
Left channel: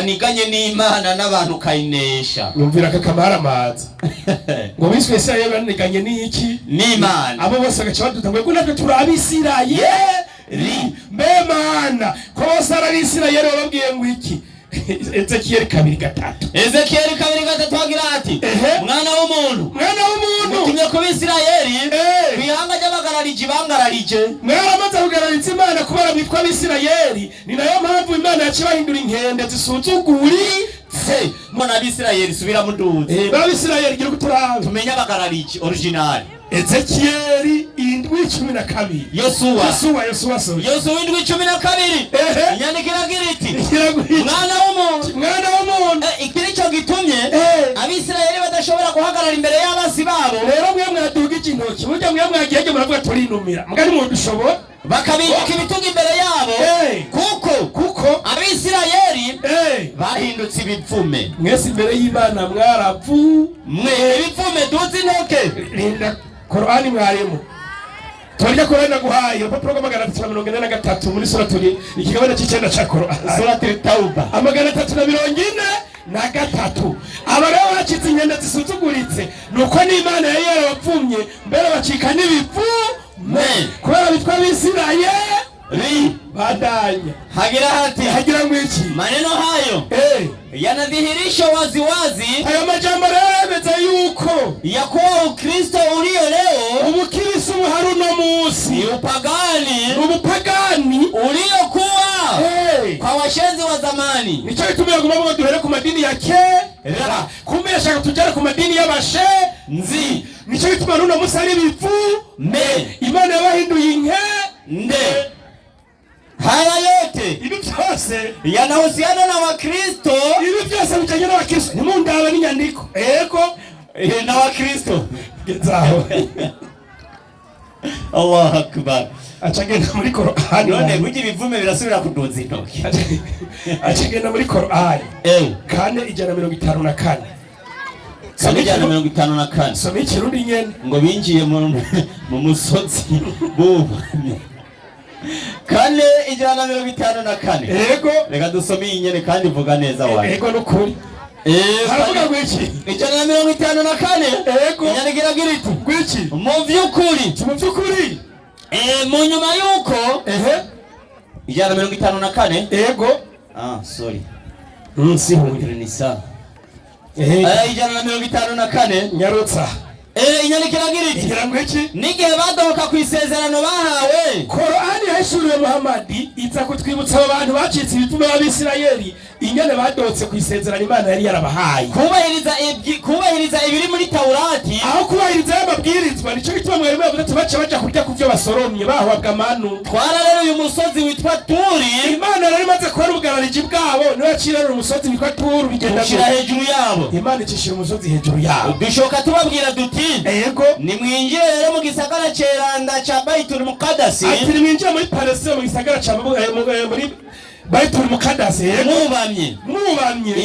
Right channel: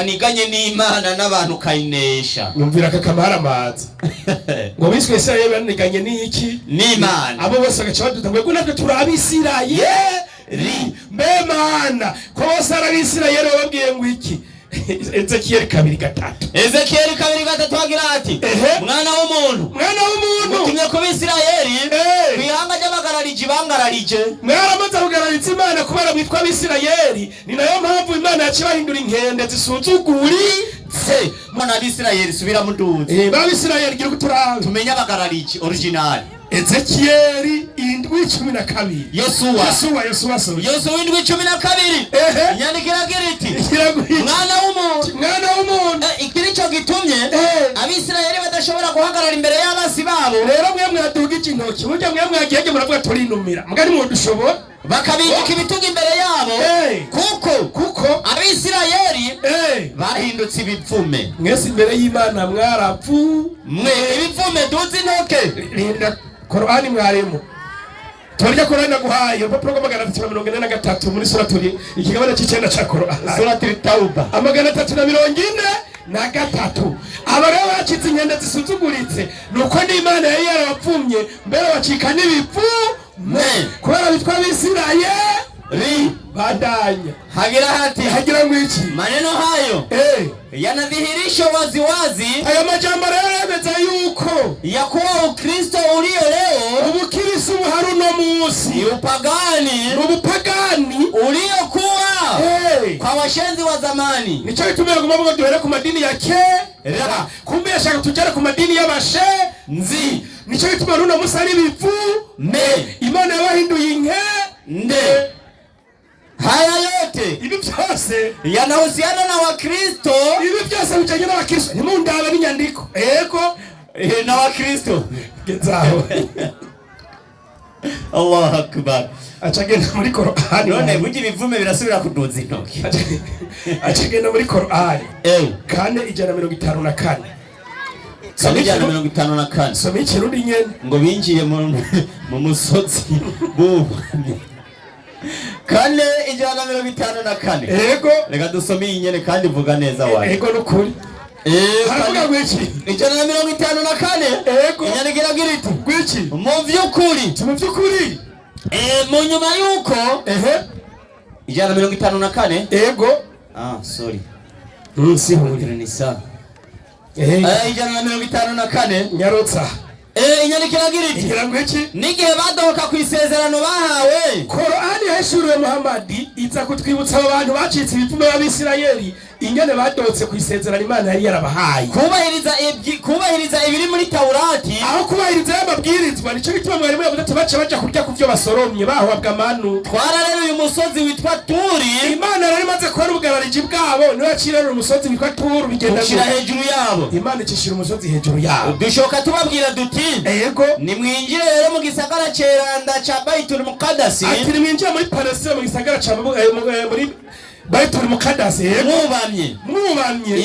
waniganye n'Imana n'abantu kayinesha. Numvira akakamara amazi. Ngo Abisirayeli baniganye n'iki? N'Imana. Abo bose agaca baduta ngo natwe turi Abisirayeli. Mbe Mana ko bose ari Abisirayeli bababwiye ngo iki? Ezekiyeli 2:3. Ezekiyeli 2:3 agira ati mwana w'umuntu mutumye ku Bisirayeli kwihanga ry'abagararije bangararije. Mwaramaze kugarariza Imana kubera mwitwa Abisirayeli, ni nayo mpamvu Imana yakibahindura inkende zisuzuguritse. Mwana Abisirayeli subira muduze. Abisirayeli gira kuturanga tumenya abagararije original. Ezekiyeli 7:12. Yosuwa 7:12. Inyandikira giriti mwana w'umuntu iki nico gitumye Abisirayeli badashobora guhagarara imbere y'abasi babo. Rero mwe mwaduga intoki burya mwe mwagiye muravuga turinumira mugari mu dushobora bakabika ibitugu imbere yabo kuko Abisirayeli bahindutse ibipfume. Mwese imbere y'Imana mwarapfu ibipfume duzi intoke. Rinda Korani mwarimu Tuwarija Korani guhaye urupapuro rw'343 muri suraturi ikigabane c'icenda ca Korani surati Tauba 343. Aba rero bacitse inkende zisuzuguritse nuko n'Imana yari yarabapfumye mbere bacika n'ibipfume kubera bitwa Abisirayeli badanya. Hagira mwiki maneno hayo yanadhihirisha waziwazi ayo majambo rero yemeza yuko ya kuwa Ukristo ulio leo ubukristo buhari no musi ubupagani uliokuwa kwa washenzi wa zamani. Nico gitumira ngo duhere ku madini ya kera kumbe yashaka tujara ku madini y'abashenzi. Nico gitumira runo musari bipfume Imana yabahinduye inkende. Haya yote ibi byose yanahusiana na Wakristo. Ibi byose bijanye n'Abakristo ni mundaba n'inyandiko na Wakristo gezaho. Allahu Akbar. Acagenda muri Korani none bugi bivume birasubira kuduza intoki. Acagenda muri Korani kane 154. Kane 154. Somi Kirundi nyene ngo binjiye mu musozi bumye. Kane 154. Reka dusome iyi nyene kandi vuga neza wawe. Nukuri. Havuga gwiki 154. Inyandikira giriti gwiki mu vy'ukuri mu nyuma yuko 154. Sorry sihungire ni sawa. 154 nyarotsa inyandikira giriti n'igihe badohoka ku isezerano bahawe. Korani yashuriwe Muhammadi iza kutwibutsa abantu bacitse ibipfume b'Abisirayeli ingene badotse ku isezerano Imana yari yarabahaye kubahiriza ibiri muri Taurati aho kubahiriza amabwirizwa. Nico gituma mwarimu yavuze ati baca kurya ku byo basoromye bahabwa manu. Twara rero uyu musozi witwa Turi Imana yari imaze kubona ubugarariji bwabo niyo yacira umusozi witwa Turi bigenda hejuru yabo. Imana icishira umusozi hejuru yabo. Dushoka tubabwira duti nimwinjire rero mu gisagara ceranda ca Baitul Muqaddas. Ati nimwinjire muri Palestina mu gisagara ca muri Baitul Muqaddas. Mwubamye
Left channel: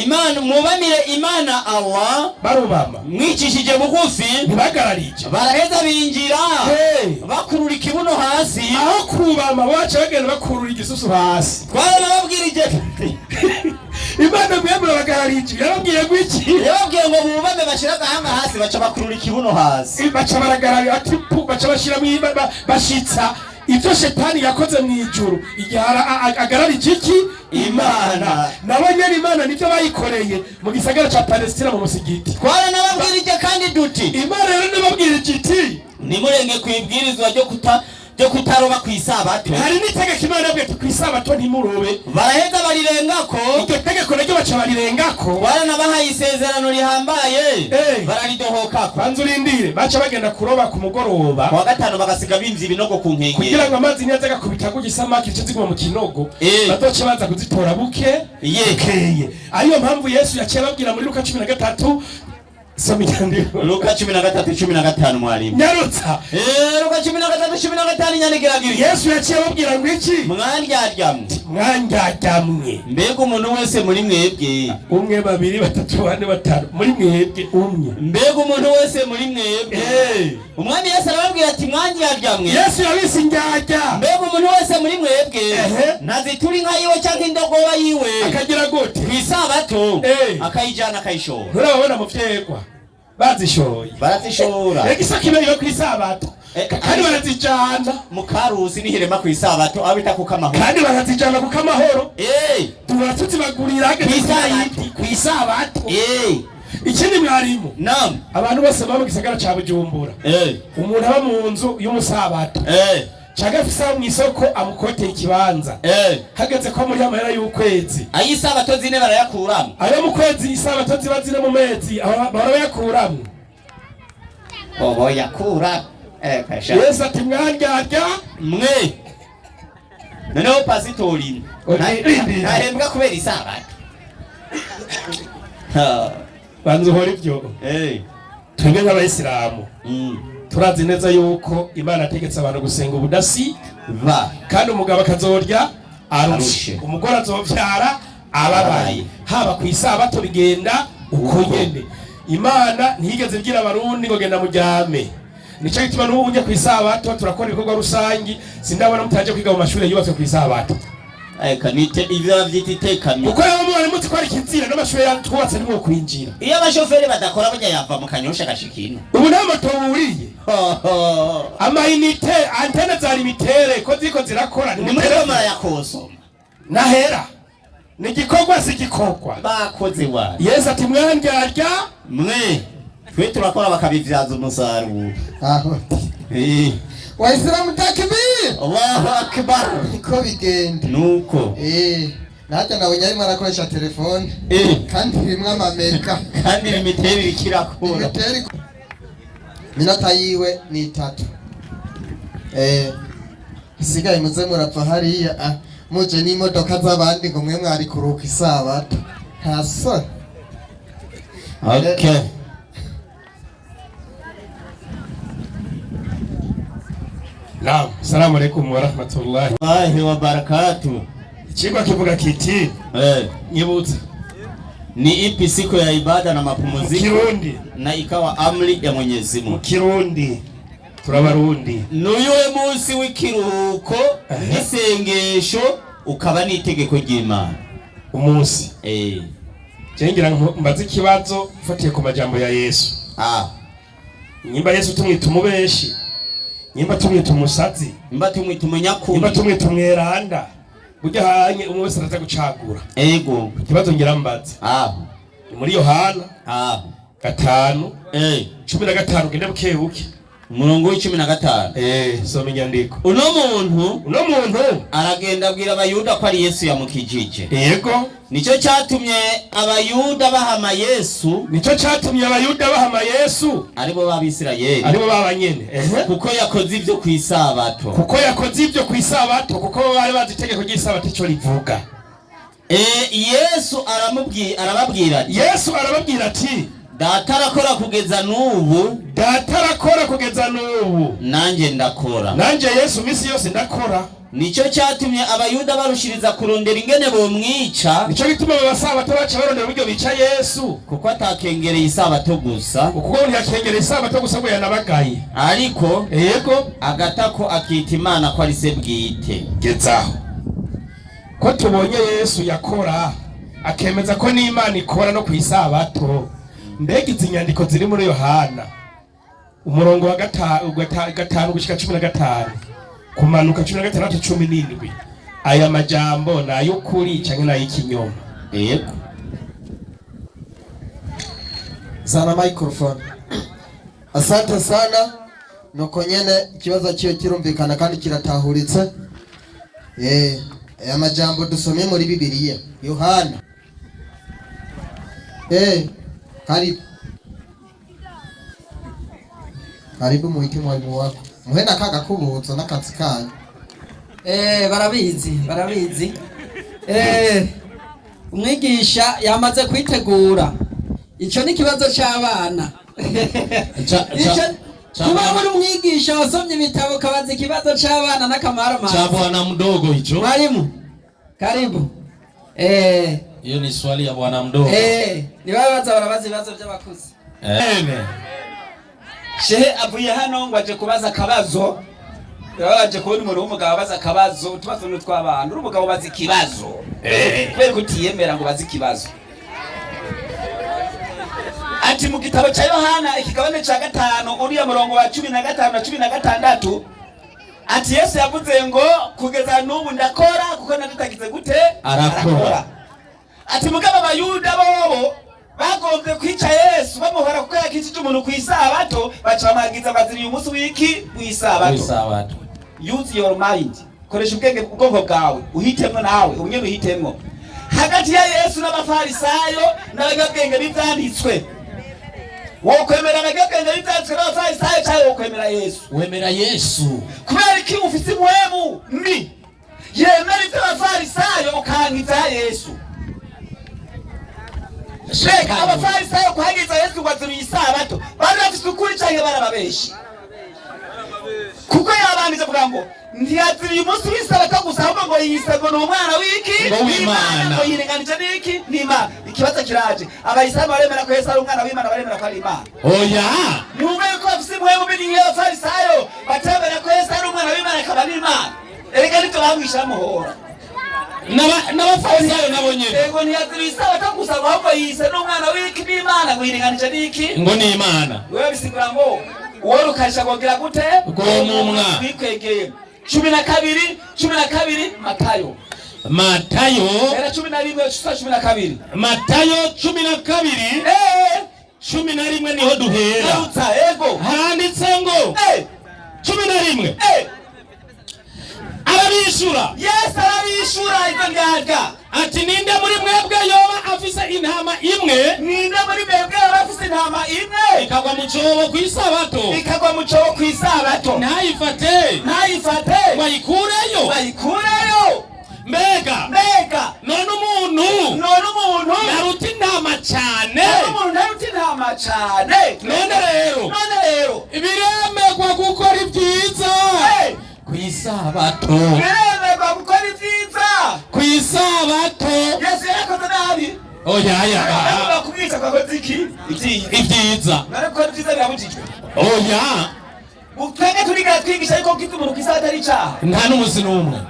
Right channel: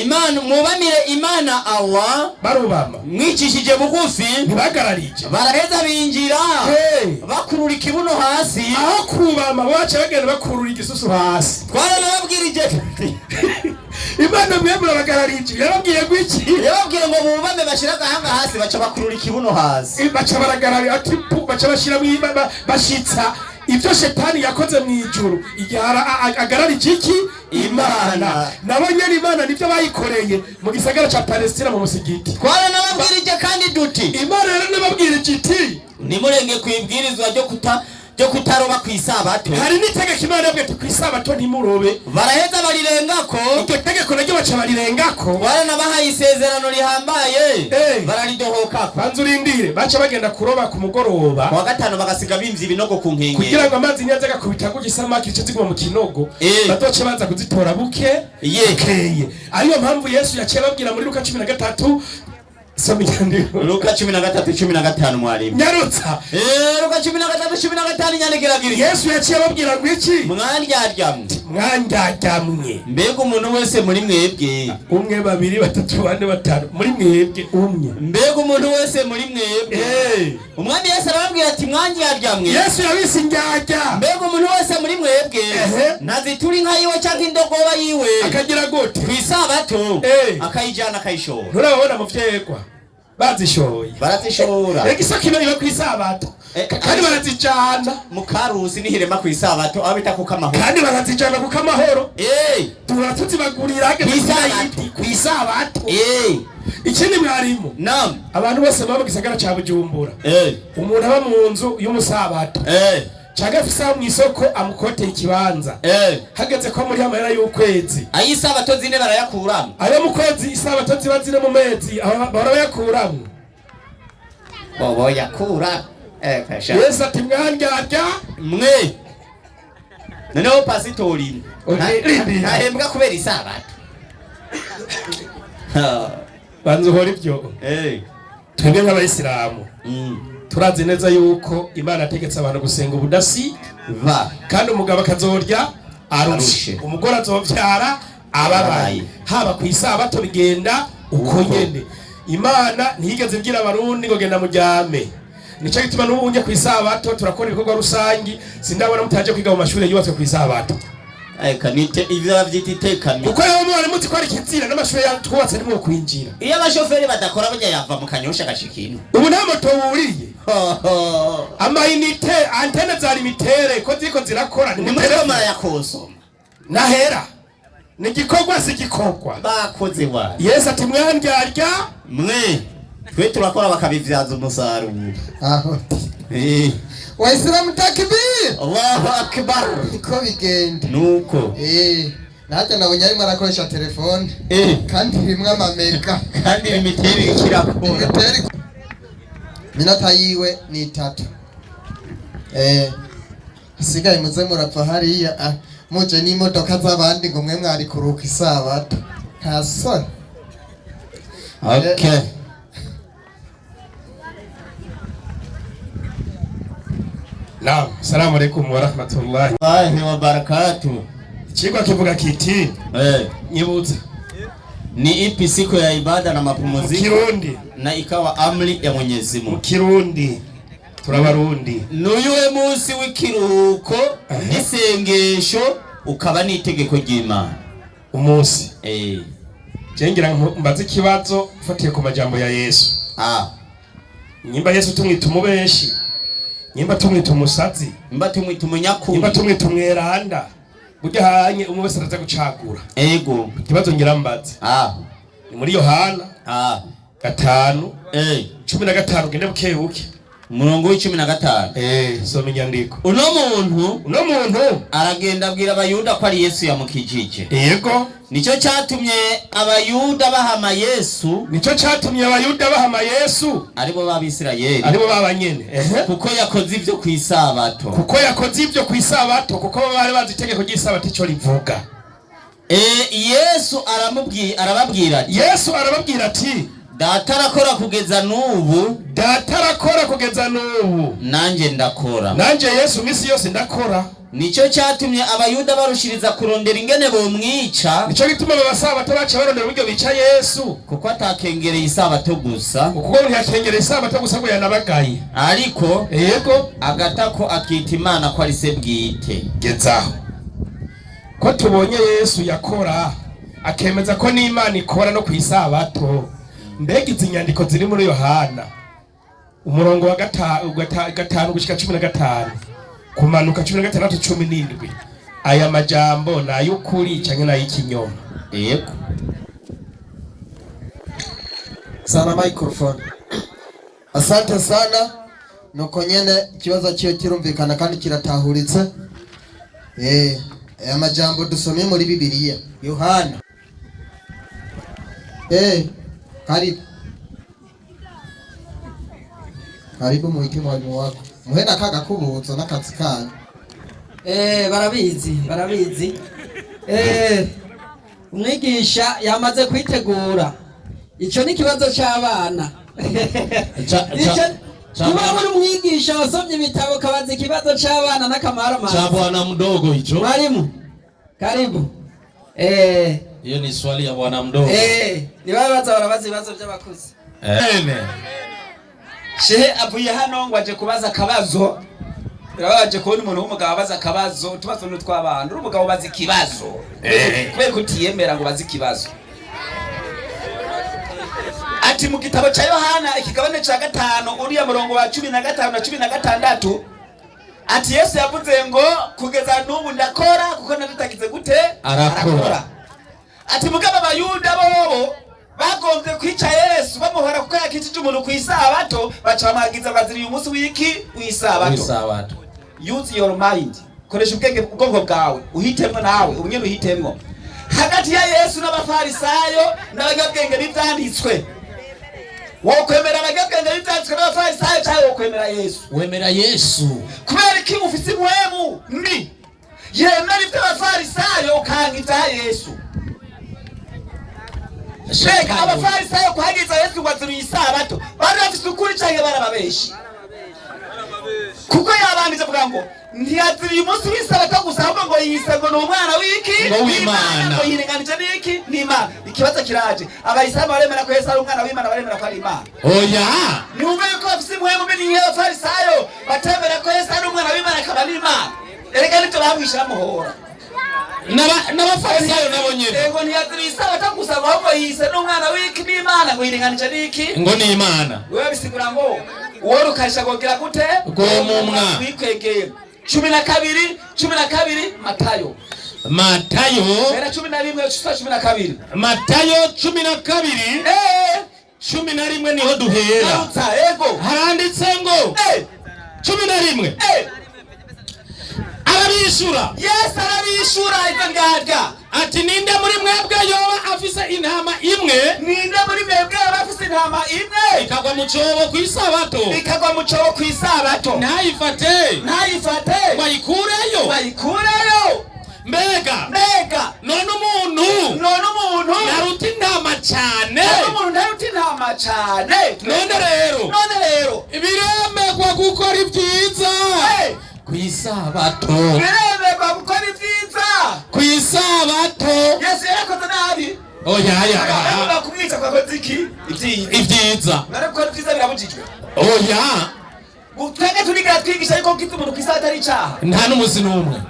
Imana mwubamire Imana Allah. Barubama mwicishije bugufi ntibagararije baraheza binjira bakurura ikibuno hasi. Aho kubama baca bagenda bakurura igisusu hasi. Twarababwirije Imana mwebwe bagararije yarabwiye gwiki yababwiye ngo bubame bashira agahanga hasi baca bakurura ikibuno hasi. Baca baragararira ati baca bashira mwibaba bashitsa ibyo shetani yakoze mu ijuru igihe agararije iki Imana. Nabo nyene Imana nivyo bayikoreye mu gisagara ca Palestina mu musigiti. Twaranababwirije kandi duti Imana rero nibabwirije iti nimurenge kwibwirizwa ryo kutaroba ku isabato. Hari n'itegeko Imana yabwiye ku isabato ntimurobe. Baraheza barirengako. Iryo tegeko naryo baca barirengako. Baranabahaye isezerano rihambaye bararidohoka. Banza urindire baca bagenda kuroba ku mugoroba wa gatanu bagasiga bimvye ibinogo ku nkengero kugira ngo amazi nyaza agakubita ku gisamaki cizigwa mu kinogo batoce baza kuzitora bukeye. Ariyo mpamvu Yesu yaciye ababwira muri Luka 13 Luka 13:15 mwalimu. Nyarutsa. Luka 13:15 nyandikira giri. Yesu yaciye ababwira ngo iki? Mwandyarya mwandyamwe. Mbega umuntu wese muri mwebwe, umwe babiri batatu bane batanu, muri mwebwe umwe. Mbega umuntu wese muri mwebwe, umwami Yesu arababwira ati mwandyamwe. Yesu yabise indyarya. Mbega umuntu wese muri mwebwe ntazitura inka yiwe cyangwa indogoba yiwe akagira gute kw'isabato akayijyana akayishora. Urabona muvyegwa bazishoye, barazishora. Igisakino yo kw'isabato kandi barazijana mu Karusi n'ihirema kw'isabato abita ku Kamahoro, kandi barazijana ku Kamahoro. Turatuzibagurira kw'isabato. Ikindi mwarimu, naam, abantu bose baba mu gisagara ca Bujumbura, umuntu aba mu nzu y'umusabato cyangwa afisa mu isoko amukoteye ikibanza, hageze ko muri amahera y'ukwezi ayisabato zine barayakuramo, ayo mu kwezi isabato ziba zine mu mezi barayakuramo. bobo yakura Yesu ati mwandyarya mwe. Noneho pasitori ntahembwa kubera isabato. banze uhora ibyo. Twebwe nk'abayisilamu turazi neza yuko Imana ategetse abantu gusenga ubudasiba, kandi umugabo akazorya arushe, umugore azovyara ababaye. Haba ku isabato bigenda uko nyene. Imana ntiyigeze ibwira abarundi ngo genda muryame. Nico gituma n'ubu ujya ku isabato turakora ibikorwa rusangi, sindabona mutaje kwiga mu mashuri yubatswe ku isabato. Kanite ivyo bavyita itekano. Uko rero mwari muti ko ari kizira n'amashuri twubatse nimwo kwinjira. Iyo abashoferi badakora bajya yava mu Kanyosha gashikino. Ubu nta moto wuriye. Amayinite antene za limitere ko ziko zirakora ni muri mara ya kosoma. Nahera. Ni gikorwa si gikorwa. Bakoze wa. Yesu ati mwandyarya mwe. Twe turakora bakabivyaza umusaruro. Aho. Waislamu takbir. Allahu akbar. Iko bigenda. Nuko. Nata na unyari marakoresha telefone. Kandi rimwe amameka. Kandi limiteri kirakora. Minota yiwe ni 3. Sigaye muze murapfa hariya muje n'imodoka z'abandi ngo mwe mwari kuruka isabato. Hasoni. Okay. Naam, assalamu alaikum wa rahmatullahi wa barakatuh. Chiko kivuga kiti nyibutsa ni ipi siku ya ibada na mapumziko Kirundi na ikawa amri ya Mwenyezi Mungu. Kirundi turabarundi nuyuwe munsi w'ikiruhuko n'isengesho ukaba n'itegeko ry'Imana umunsi. Cengira mbaze ikibazo ufatiye ku majambo ya Yesu. Nyimba Yesu tumwita umubeshi, nyimba tumwita umusazi, nyimba tumwita umunyakuri, nyimba tumwita umweranda, burya hanye umwe wese araza gucagura. Ikibazo ngira mbaze ni muri Yohana 5:15 gende bukebuke umurongo w'15. Soma inyandiko. Uno muntu aragenda abwira abayuda ko ari Yesu yamukijije. Yego. Nico cyatumye abayuda bahama Yesu. Aribo b'Abisirayeli. Aribo babanyene. Kuko yakoze ivyo ku isabato. Kuko bari bazi itegeko ry'isabato ico rivuga. Yesu arababwira ati Data arakora kugeza n'ubu. Nanje ndakora. Nanje Yesu misi yose ndakora. Nico cyatumye abayuda barushiriza kurondera ingene bomwica. Nico gituma abasabato baca barondera uburyo bica Yesu. Kuko atakengereye isabato gusa. Kuko ntiyakengereye isabato gusa ngo yanabagaye. Ariko yego agatako akita Imana ko ari se bwite. Gezaho. Ko tubonye Yesu yakora akemeza ko n'Imana ikora no kwisabato. Mbega izi nyandiko ziri muri Yohana umurongo wa 5 gushika 15 kumanuka 16:17 aya majambo na y'ukuri canke na y'ikinyoma. Yego. Sana microphone. Asante sana. Nuko nyene ikibazo cyo kirumvikana kandi kiratahuritse. Aya majambo dusomye muri Bibiliya Yohana. Karibu muhiti mwalimu wako. Muhena kaga kubutsa n'akazi kanyu. Barabizi. Umwigisha yamaze kwitegura. Ico ni kibazo cy'abana. Kuba uri umwigisha wasomye ibitabo kabaza ikibazo cy'abana n'akamarama. Cha bwana mdogo hicho. Mwalimu. Karibu. Hiyo ni swali ya bwana mdogo. Ni wewe wanabaza ibibazo by'abakuzi. Shehe avuye hano ngo aje kubaza akabazo. Yaje kubona umuntu w'umugabo abaza akabazo, tubazo n'utw'abantu. Urumugabo bazi ikibazo. Kwe kutiyemera ngo bazi ikibazo. Ati mu gitabo cya Yohana ikigabane cya 5 uriya murongo wa 15 na 16 ati Yesu yavuze ngo kugeza n'ubu ndakora kuko nabitagize gute arakora. Ati mugabo abayuda bobo bagombye kwica Yesu bamuhora kuko yakitije umuntu ku isabato bacamagiza bazira uyu munsi wiki w'isabato. Use your mind. Koresha ubwonko bwawe uhitemwe nawe umwe uhitemwe hagati ya Yesu n'abafarisayo n'abagabwenge b'ibyanditswe. Wokwemera abagabwenge b'ibyanditswe n'abafarisayo cyangwa wokwemera Yesu? Wemera Yesu. Kubera iki ufite impwemu mbi yemera ibyo abafarisayo ukangiza Yesu? Sheka abafarisayo kuhagiza Yesu bazira isabato bari bafite ukuri cyangwa barababeshi? Kuko yabandije kuvuga ngo ntiyazira uyu munsi w'isabato gusa ahubwo ngo yisago n'umwana w'iki w'Imana ngo yirenganije n'iki n'Imana. Ikibazo kiraje abayisilamu baremera ko Yesu ari umwana w'Imana, baremera ko ari Imana. Oya Nume ko afise impwemu mbi y'abafarisayo batemera ko Yesu ari umwana w'Imana akaba ari Imana. Erega nito bamwisha muhora n'abafarisayo nabo nyene ngo ntiyazira isabato gusa ahubwo yisa n'umwana w'iki n'Imana ngo yirenganije n'iki ngo ni Imana. Wewe bisigura ngo uwo ukasha kugira gute ugomumwa wikwegeye 12 Matayo era 11 Matayo 12 11 niho duhera. Handitse ngo 11 arabishura. Yesu arabishura ivyo ngaga ati ninde muri mwebwe yoba afise intama imwe? Ninde muri mwebwe yoba afise intama imwe ikagwa mu cyobo ku isabato ntayifate bayikureyo? Mbega none umuntu naruta intama cyane. None rero biremegwa gukora ibyiza ku isabato. Yesu yakoze nabi. Oya kumwica kwa koziki ibyiza. Nariko byiza birabujijwe. Oya Twenge turiga twigisha yuko kitu mu kisata ari cyaha. nta n'umuzi n'umwe.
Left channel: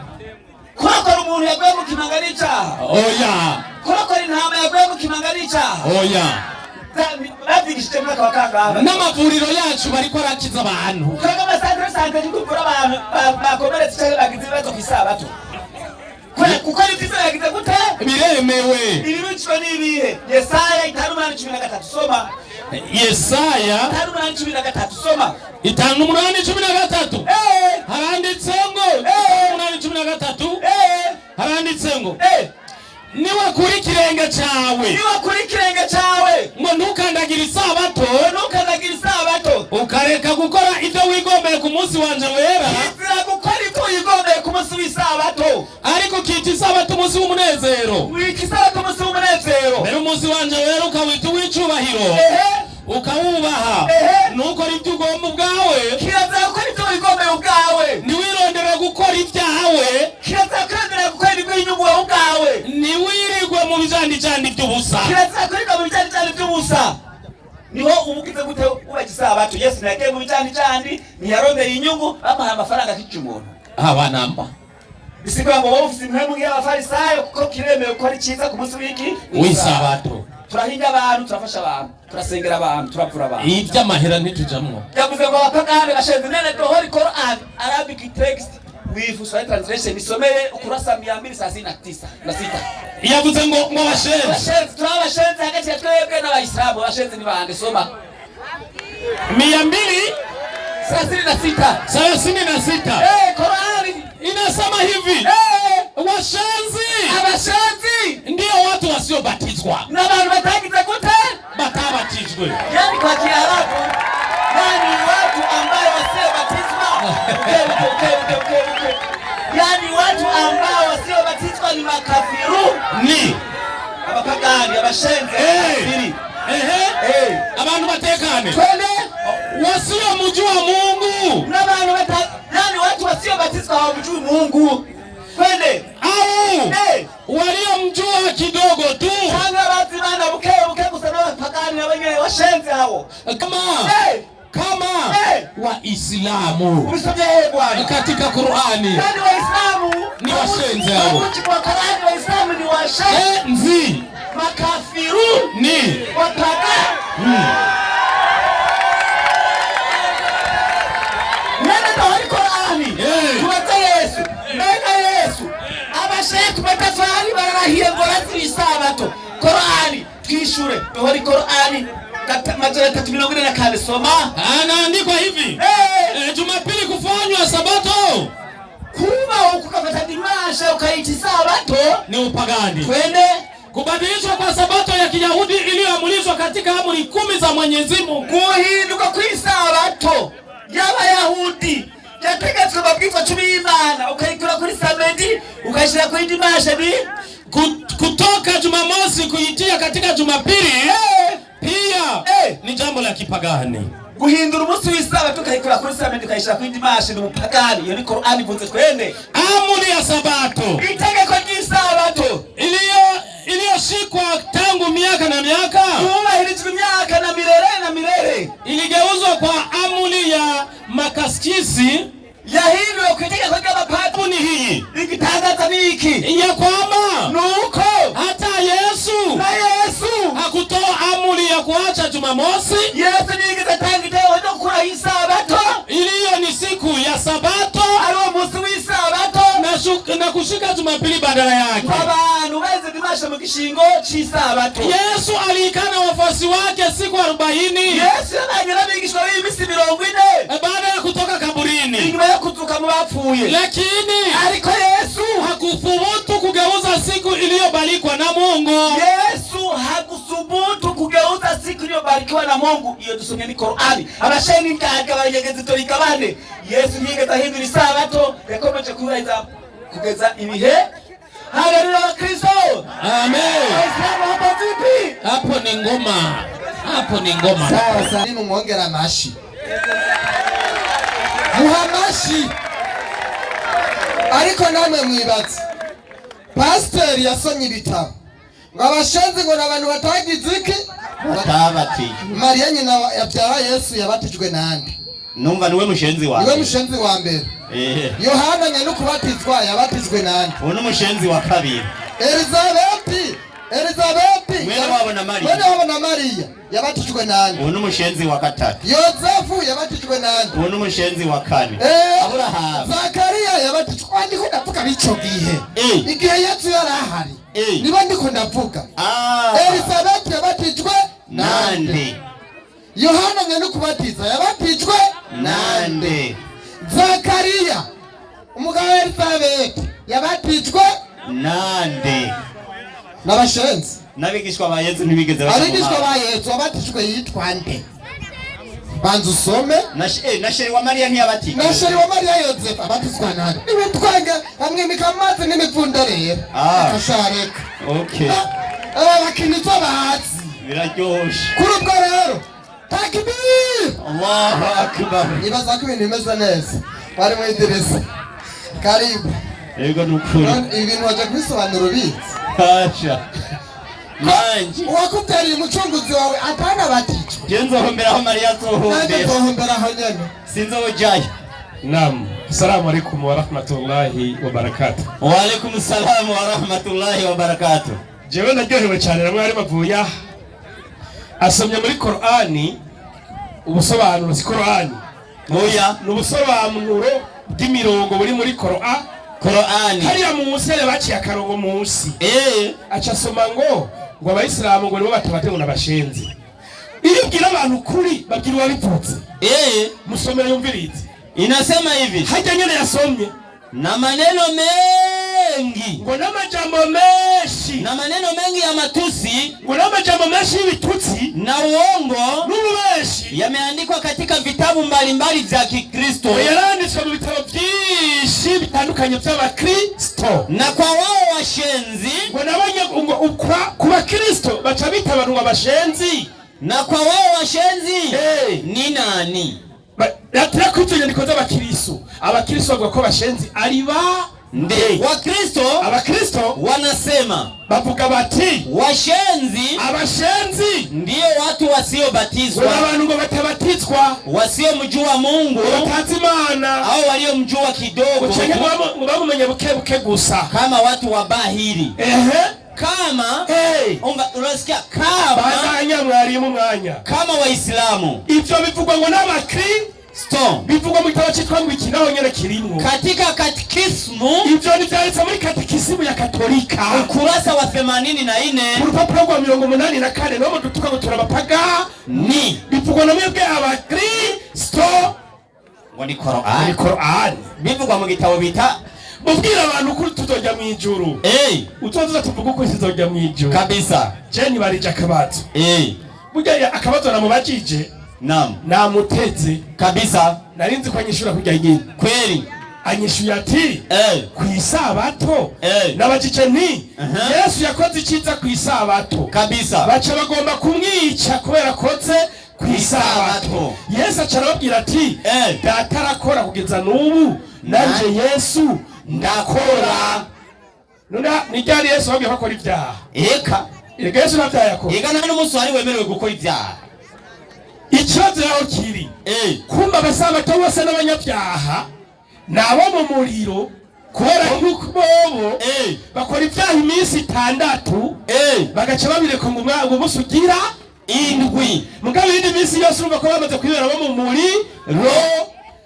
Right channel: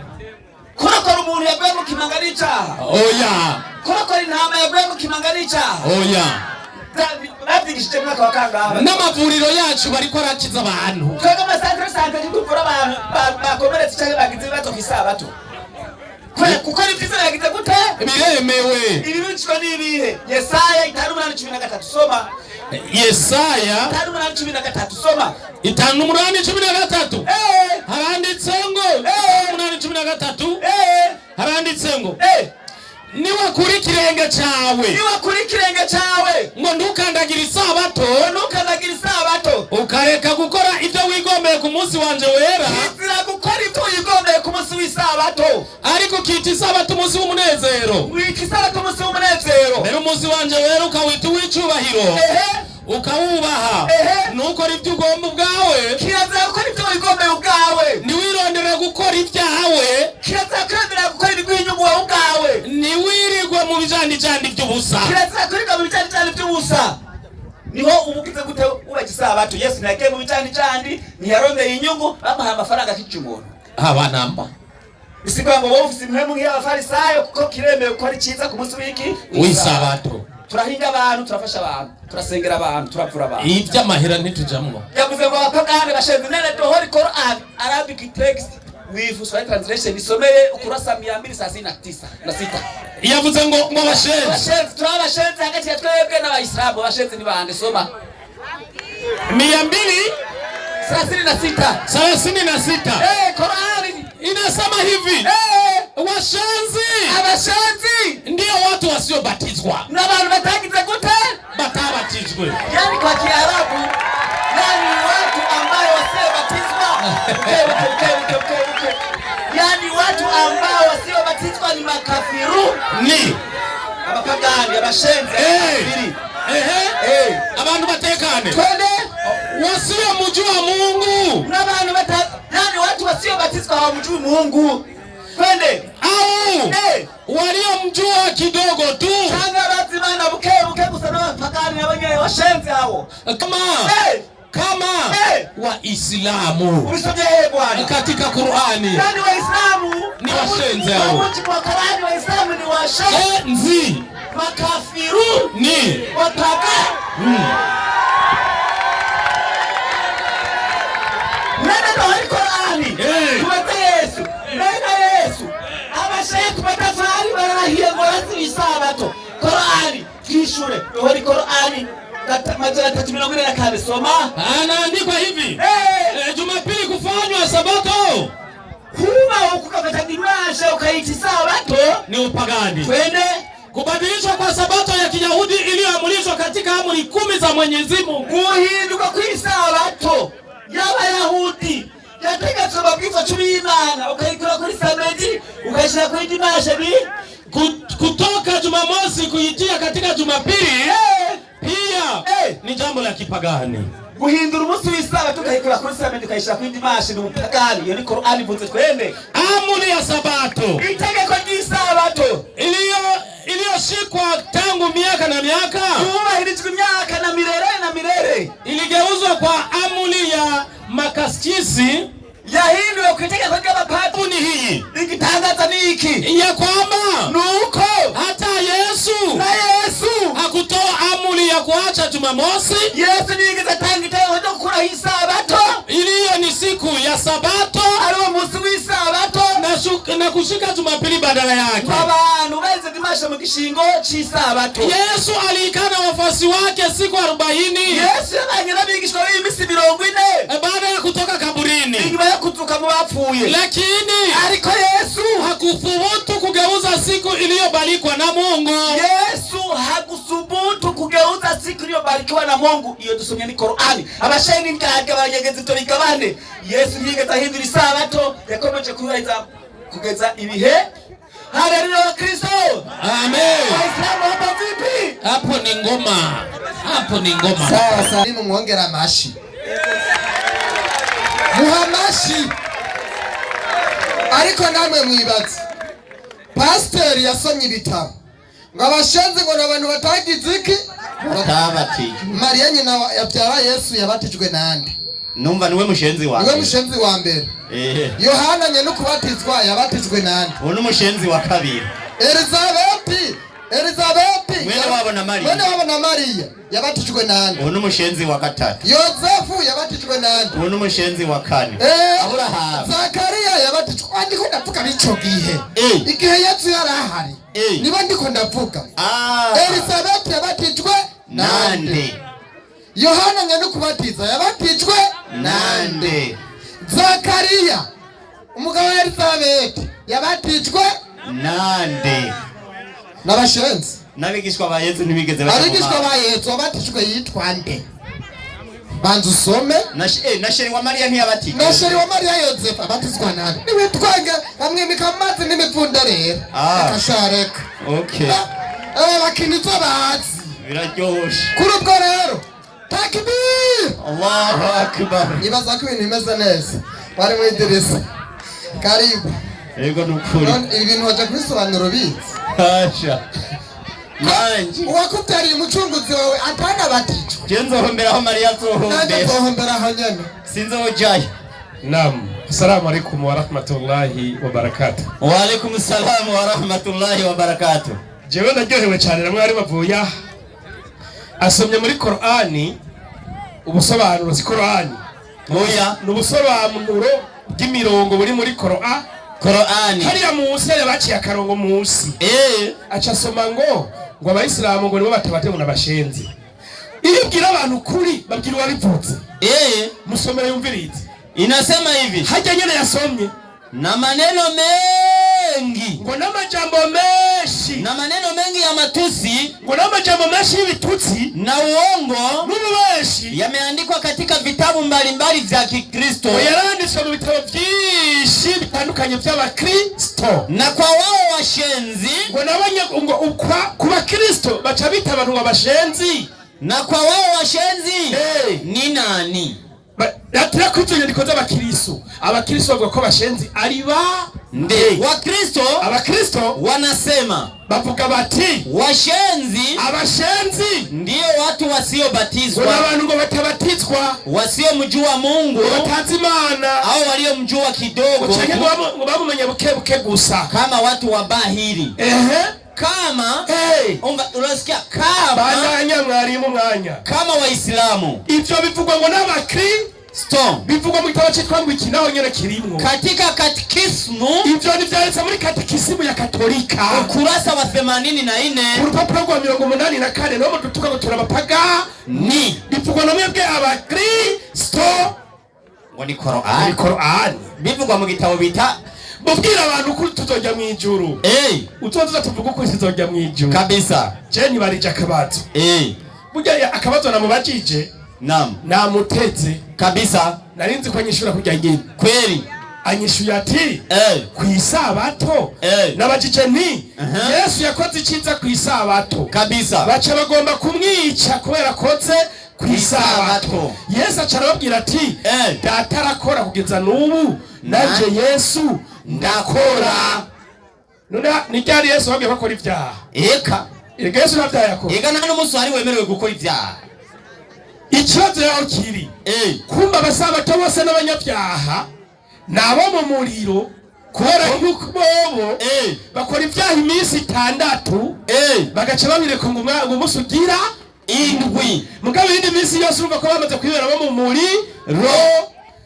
Kurakora umuntu yaguye mu kimanga ari cyaha. Oya Kurakora intama yaguye mu kimanga ari cyaha. oya Bavyigishije mwaka wa kangahe? n'amavuriro yacu bariko arakiza abantu. Twenge amasantere santere y'ukuri abantu bakomeretse cyane bagize ibibazo ku isabato. Kuko ari byiza yagize gute biremewe. ibiricwa n'ibihe? Yesaya 5:13 soma. Yesaya 5:13 soma. 5:13 haranditse ngo 5:13 haranditse ngo niba kuri kirenge cyawe ngo ntukandagire isabato ukareka gukora ibyo wigombeye ku munsi wanje wera, ariko ukita isabato umunsi w'umunezero. Mbere umunsi wanje wera ukawita uw'icubahiro ukawubaha nukora ibyo ugomba ubwawe niwirondera gukora ibyawe niwirirwa mu bijandijandi by'ubusa. Niho umugize gute ubaje isabato? Yesu nagiye mu bijandijandi ntiyarondeye inyungu bamuha amafaranga k'icyumuntu abanamba. bisigwa ngo wowe ufite impamvu y'abafarisayo kuko kiremewe ko ari cyiza ku munsi w'isabato. Turahinga abantu, turafasha abantu, turasengera abantu, turavura abantu. Iby'amahera ntitujamwo. Yavuze ngo abapagani bashenze nene the Holy Quran Arabic text with Swahili translation isomeye ukurasa 239. Yavuze ngo bashenze. Turabashenze hagati ya twebwe n'abayisilamu. Bashenze ni bande? Soma 236. Qurani inasema hivi. Abashenzi ndio watu wasiobatizwa. N'abantu batagize gute batabatijwe. Yani kwa Kiarabu yani watu ambao wasiobatizwa. Yani watu ambao wasiobatizwa ni makafiru. Ni abapagani, abashenzi, abakafiri. Abantu batekane. Twende wasiomjua Mungu. N'abantu yani watu wasiobatizwa hawamjui Mungu. Twende au waliomjua kidogo tu. Sanga bazimana buke kusana pakani na wengine washenzi hao. Kama Waislamu katika Qur'ani. Yaani Waislamu ni washenzi hao. Kwa Qur'ani Waislamu ni washenzi. Makafiru ni wapaka. Nenda kwa Qur'ani. Kwa Yesu. Nenda Yesu. Abashek matafari barahia ngorati isabato. Qur'ani kishure. Hori Qur'ani. Majira 3:4 soma. Anaandikwa hivi. Jumapili kufanywa Sabato. Kuma ukukafata dimasha ukaiti Sabato ni upagani. Twende kubadilishwa kwa Sabato ya Kiyahudi iliyoamrishwa katika amri 10 za Mwenyezi Mungu. Kuhinduka kw'Isabato y'Abayahudi yategetswe mabwiriza 10 y'Imana ukayikura kuri Sabeti ukayishira kuri dimasha ni kutoka Jumamosi kuitia katika Jumapili. Pia ni jambo la kipagani. Guhindura umunsi w'Isabato ukayikura kuri Sabeti ukayishira kuri dimasha ni upagani. Iyo ni Qur'ani ivuze twende. Amri ya Sabato, itegeko ry'Isabato iliyoshikwa tangu miaka na miaka, kubahirizwa imyaka na milele, iligeuzwa kwa amri ya makaskisi yahinduwe ku itegeko ry'abapadiri. Ni hii igitangaza ni iki? ya kwamba nuko hata Yesu hakutoa amri ya kuacha Jumamosi. Yesu nigeze atanga itegeko ryo gukuraho Isabato, iliyo ni siku ya Sabato, ari umunsi w'Isabato, na kushika Jumapili badala yake. Abantu beze dimasha mu gishingo c'Isabato. Yesu alikana wafuasi wake siku 40. Yesu yabanyira bigishwa y'imisi 40 baada ya kutoka kaburini, inyuma yo kuzuka mu bapfuye. Lakini ariko Yesu hakuthubutu kugeuza siku iliyobarikwa na Mungu. Yesu hakuthubutu kugeuza siku iliyobarikiwa na Mungu. Iyo dusomye ni Qur'ani. Abasheni mtaga bagegeze torika bande. Yesu yigeze ahindura Isabato yakomeje kugeza ibihe. Haleluya Kristo. Amen. Hapo ni ngoma. Sasa ni muongera amashi. Muhamashi. Ariko namwe mwibatse. Pastor yasomye ibitabo. Ngabashenze ngo nabantu batagize iki? Batabati. Mariya nyina yabyara Yesu yabatijwe nande? Numva niwe mushenzi wa. Niwe mushenzi wa mbere. Yohana nyene kubatizwa yabatijwe nande? Uwo mushenzi wa kabiri. Elizabeti mwene wabo na Mariya yabatijwe nande? Uwo mushenzi wa gatatu. Yosefu yabatijwe nande? Uwo mushenzi wa kane. Abraham. Zakariya yabatijwe ndiko ndavuga bico gihe. Igihe Yesu yarahari. Niba ndiko ndavuga. Elizabeti yabatijwe nande? Yohana nyene kubatiza yabatijwe nande? Zakariya umugabo wa Elizabeti yabatijwe nande n'abashenzi n'abigishwa ba Yesu ntibigeze abigishwa ba Yesu abatijwe yitwa nde? Banza usome. Na sheri wa Mariya ntiyabatijwe. Na sheri wa Mariya Yosefu abatizwa nande? Niwe twage hamwe mikamazi n'imipfunda rero akashareka. Okay. Bakinitwa bahatsi biraryoshe kuri ubwo rero takbir Allahu akbar. Ibaza ko ibintu bimeze neza bari mu idirisa karibu yego nukuri ibintu waje kwisobanura bizi kasha manje wakutari umucunguzi wawe atana batijwe genzo homberaho Mariya zohombe zohomberaho nyene sinzojayo. Naam. Assalamu alaikum wa rahmatullahi wa barakatuh. Wa alaikum salam wa rahmatullahi wa barakatuh. Jewe naryohewe cyane na mwari bavuya asomye muri Qur'ani ubusobanuro si Qur'ani oya n'ubusobanuro bw'imirongo buri muri Qur'ani hariya munsi yabaciye akarongo munsi aca asoma ngo abayisilamu ngo nibo batabate ngo nabashenzi iyo ubwira abantu kuri babwira wabivutse musomere yumvirize inasema hivi hajya nyene yasomye na maneno mengi ngo n'amajambo menshi na maneno mengi ya matusi ngo n'amajambo menshi y'ibitutsi na uongo n'ububeshi yameandikwa katika vitabu mbalimbali vya Kikristo yaranditswe mu bitabo byinshi bitandukanye by'abakristo na kwa wao washenzi ngo nabanye ku bakristo baca bita abantu abashenzi na kwa wao washenzi ni nani? Natira kwitwa nyandiko z'abakristo abakristo bavuga ko bashenzi ari ba Wakristo abakristo wanasema bavuga bati abashenzi ndio watu wasiobatizwa, abantu ngo batabatizwa, wasiomjua Mungu, batazi Imana, au waliomjua kidogo, ngo bamumenye buke gusa, kama watu wa bahiri. Kama unasikia kama Waislamu, ivyo bivugwa ngo n'abakristo, bivugwa mu gitabo cyitwa ngo iki naho nyene kirimwo katika katekismu. Ivyo ni byanditse muri katekisimu ya Katolika ukurasa wa 84 urupapuro rwa 84 no mu dutuka ngo turabapaga ni bivugwa na mwebwe abakristo ngo ni Qur'an, bivugwa mu gitabo bita ubwira abantu kuri tuzojya mu ijuru. Utoza tuvuga ko tuzojya mu ijuru kabisa. Je ni barije akabazo. Burya akabazo namubajije namuteze kabisa. Narinzi ko anyishura kujya nyine kweli. Anyishuye ati kwisabato nabajije ni Yesu yakoze icyiza kwisabato kabisa, baca bagomba kumwica kubera koze kwisabato. Yesu acarababwira ati data arakora kugeza n'ubu nanje Yesu ndakora. Nuna nijari Yesu wabwiye ko akora ibyaha? Yesu nabyaha yakora. Nta n'umunsi wari wemerewe gukora ibyaha. Ikibazo yaho kiri kumba abasabato bose n'abanyabyaha nabo mu muriro kubera yuko bobo bakora ibyaha iminsi 6 bagaca babireka ngo umunsi ugira 7 mugabo indi minsi yose urumva ko bamaze kwibera bo mu muriro.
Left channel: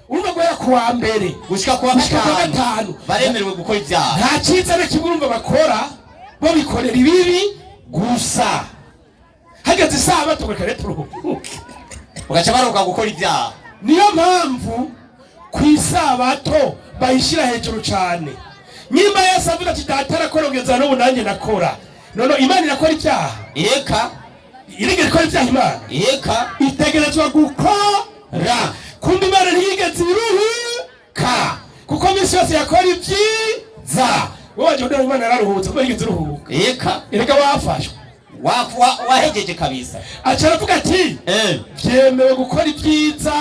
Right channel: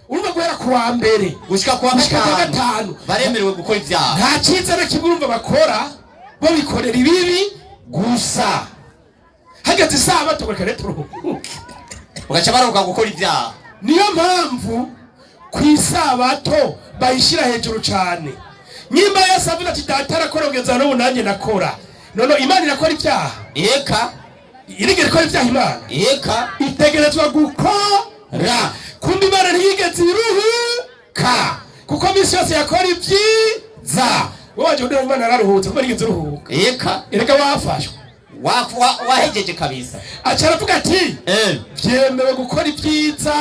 Urumva guhera kuwa mbere gushika kuwa gatanu baremerewe gukora ibyaha. Nta cyiza na kimwe urumva bakora bo bikorera ibibi gusa. Hageze isabato bakare turuhuke ugaca baruka gukora ibyaha. Niyo mpamvu kwisabato bayishira hejuru cyane. Nyimba Yesu avuga ati data arakora kugeza n'ubu nanjye nakora. None Imana irakora ibyaha? Irigere ikora ibyaha Imana? Itegerezwa gukora. Kumbe Imana ntiyigeze iruhuka kuko misi yose yakora ibyiza. Waje udora Imana yararuhutse ko yigeze iruhuka. Erega wafashwe wahejeje kabisa. Acaravuga ati byemewe gukora ibyiza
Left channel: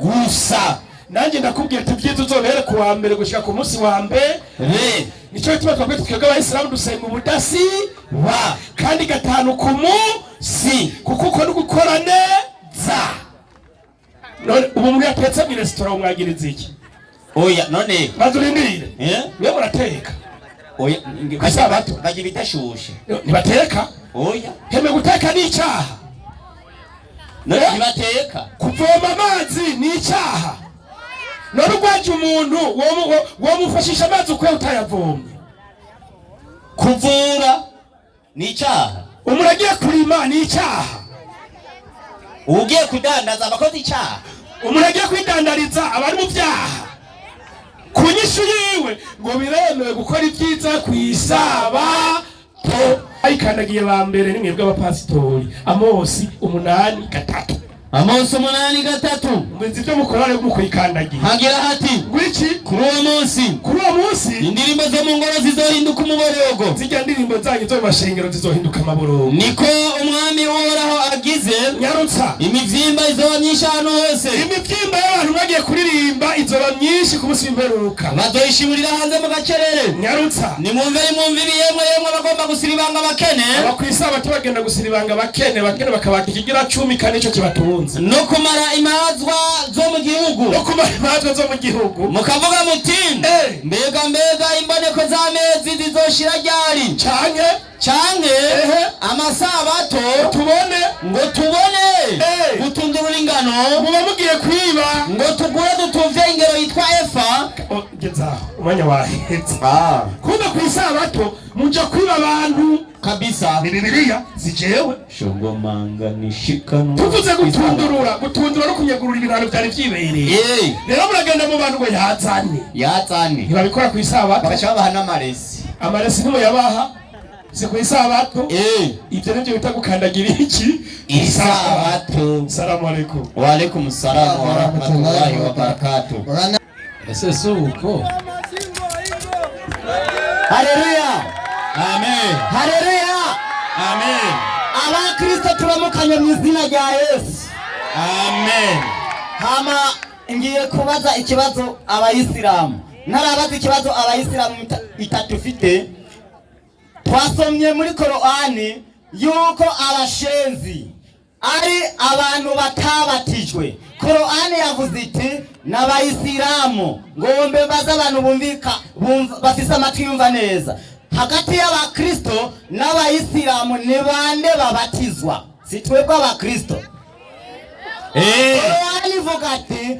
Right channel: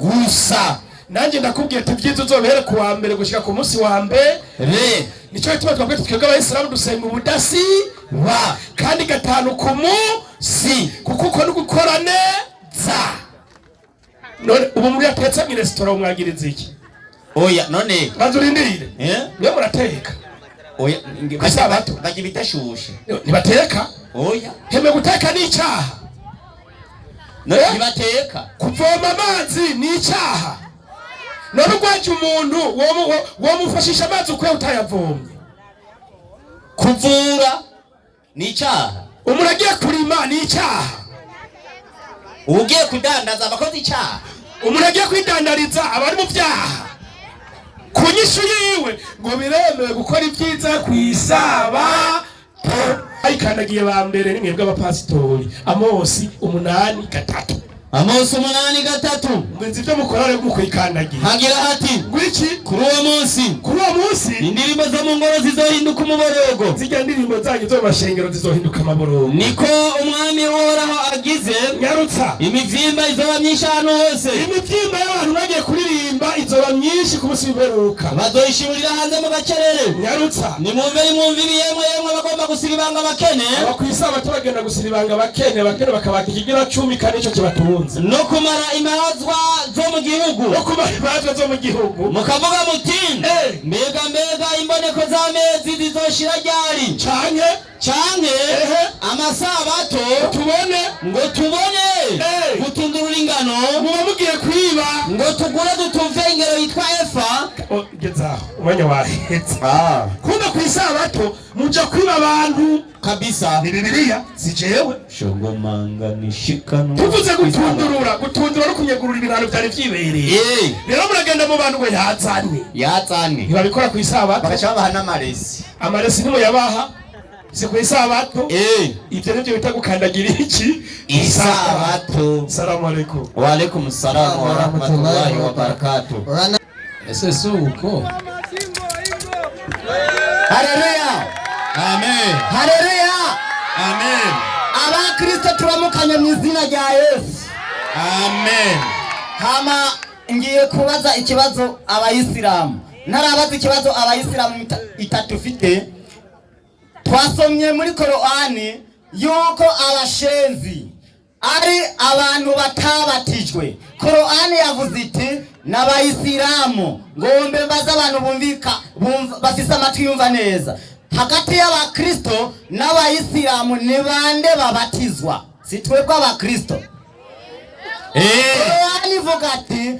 gusa. Nanjye ndakubwiye ati ibyiza uzobere kuwa mbere gushika ku munsi wa mbere. Nicyo gituma twabwe twebwe abayisilamu dusenga ubudasi kandi 5 ku munsi kuko uko ni gukora neza. None ubu muri atetse mu restaurant mwagiriza iki? None bazurindire niyo murateka kwisabato bagira bitashushe nibateka. Heme guteka ni icyaha. Nibateka kuvoma amazi ni icyaha. None ugwaje umuntu womufashisha amazi uko utayavomye. Kuvura ni icyaha. Umuntu agiye kurima ni icyaha. Ugiye kudandaza abakoze icyaha. Umuntu agiye kwidandariza abari mu byaha. Kunyishu yiwe ngo biremewe gukora ibyiza kwisabato. Ayikandagiye ba mbere nimwe bw'abapasitori Amosi 8:3. Amosi 8:3. Mwizi byo mukorare mukuyikandagiye. Hagira hati ngwiki kuri uwo munsi indirimbo zo mu ngoro zizohinduka umuborogo. Zijya ndirimbo zanyu zo mashengero zizohinduka amaborogo. Niko umwami woraho agize nyarutsa imivyimba izoba myinshi ahantu hose. Imivyimba y'abantu bagiye kuririmba izoba myinshi ku munsi w'imperuka. Bazoyishurira hanze mu gacerere. Nyarutsa nimwumve yemwe bagomba gusiribanga abakene. Abakwisabato bagenda gusiribanga abakene bakabaka ikigira 10 kandi ico kibatunze. No kumara imazwa zo mu gihugu. Mukavuga muti mbega imboneko z'amezi zizoshira ryari canke amasabato tubone gutundurura ingano muba mugiye kwiba ngo tugure dutumve ingero yitwa efa. Geza umwanya wahetse kumbe kwisabato muja kwiba abantu kabisa. Ni Bibiliya zijewe shogomanga nishikano tuvuze gutundurura no kunyegurura ibintu byari byibereye. Rero muragenda mu bantu ngo yazanye ntibabikora kwisabato bagaca babaha n'amaresi. Amaresi nimo yabaha se kwisabato. Ibyo nibyo bita gukandagira iki isabato. Assalamu alaikum. Wa alaikum assalam wa rahmatullahi wa barakatuh. Ese suko. Haleluya. Amen. Haleluya. Amen. Abakristo turamukanye mu izina rya Yesu. Amen. Hama ngiye kubaza ikibazo abayisilamu. ntarabaza ikibazo abayisilamu itatu ifite. Twasomye muri Korani yuko abashenzi ari abantu batabatijwe. Korani yavuze iti n'abayisilamu ngombe baza abantu bafise amatwi yumva neza. Hagati y'abakristo n'abayisilamu ni bande babatizwa? Si twebwe abakristo. Korani ivuga ati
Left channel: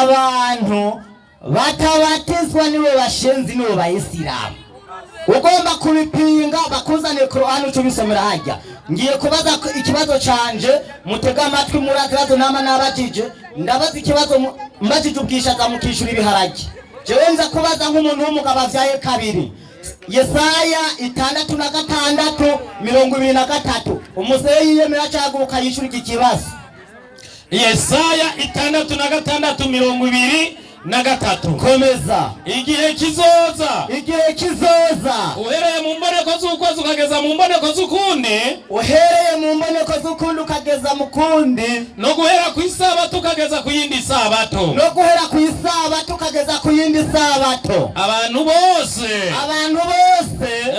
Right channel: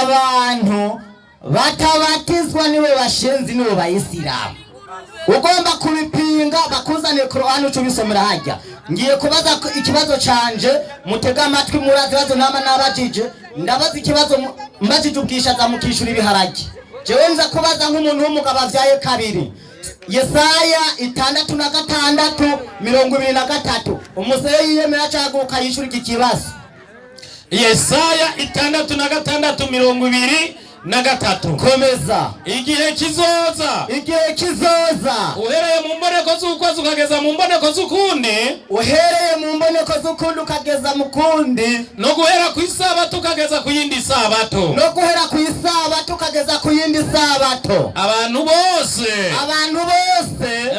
abantu batabatizwa niwe bashenzi niwe bayisilamu. Ugomba kubipinga bakuzanire Korani ucubisomera hajya. Ngiye kubaza ikibazo canje mutega amatwi murazibazo nama nabajije. Ndabaza ikibazo mbajije ubwishaza mukishura ibiharage. Jewe nza kubaza nk'umuntu w'umugabo avyaye kabiri. Yesaya 6:23. Umuseyi yiyemera caguka yishura iki kibazo. Yesaya 6:23. Komeza. Igihe kizoza uhereye mu mboneko z'ukwezi ukageza mu mboneko z'ukundi, ukageza mu kundi, no guhera ku isabato ukageza ku yindi sabato, abantu bose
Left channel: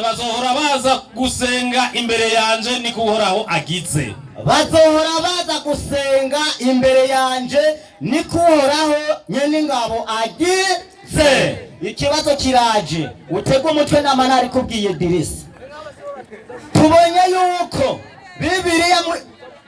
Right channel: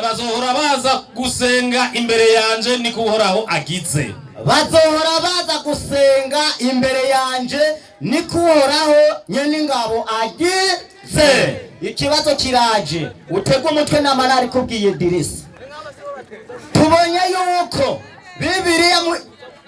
bazohora baza gusenga imbere yanje ni kuhoraho agize. Bazohora baza gusenga imbere yanje ni kuhoraho nyene ingabo agize. Ikibazo kiraje utega umutwe n'amanari kubwiye dirisi. Tubonye yuko Bibiliya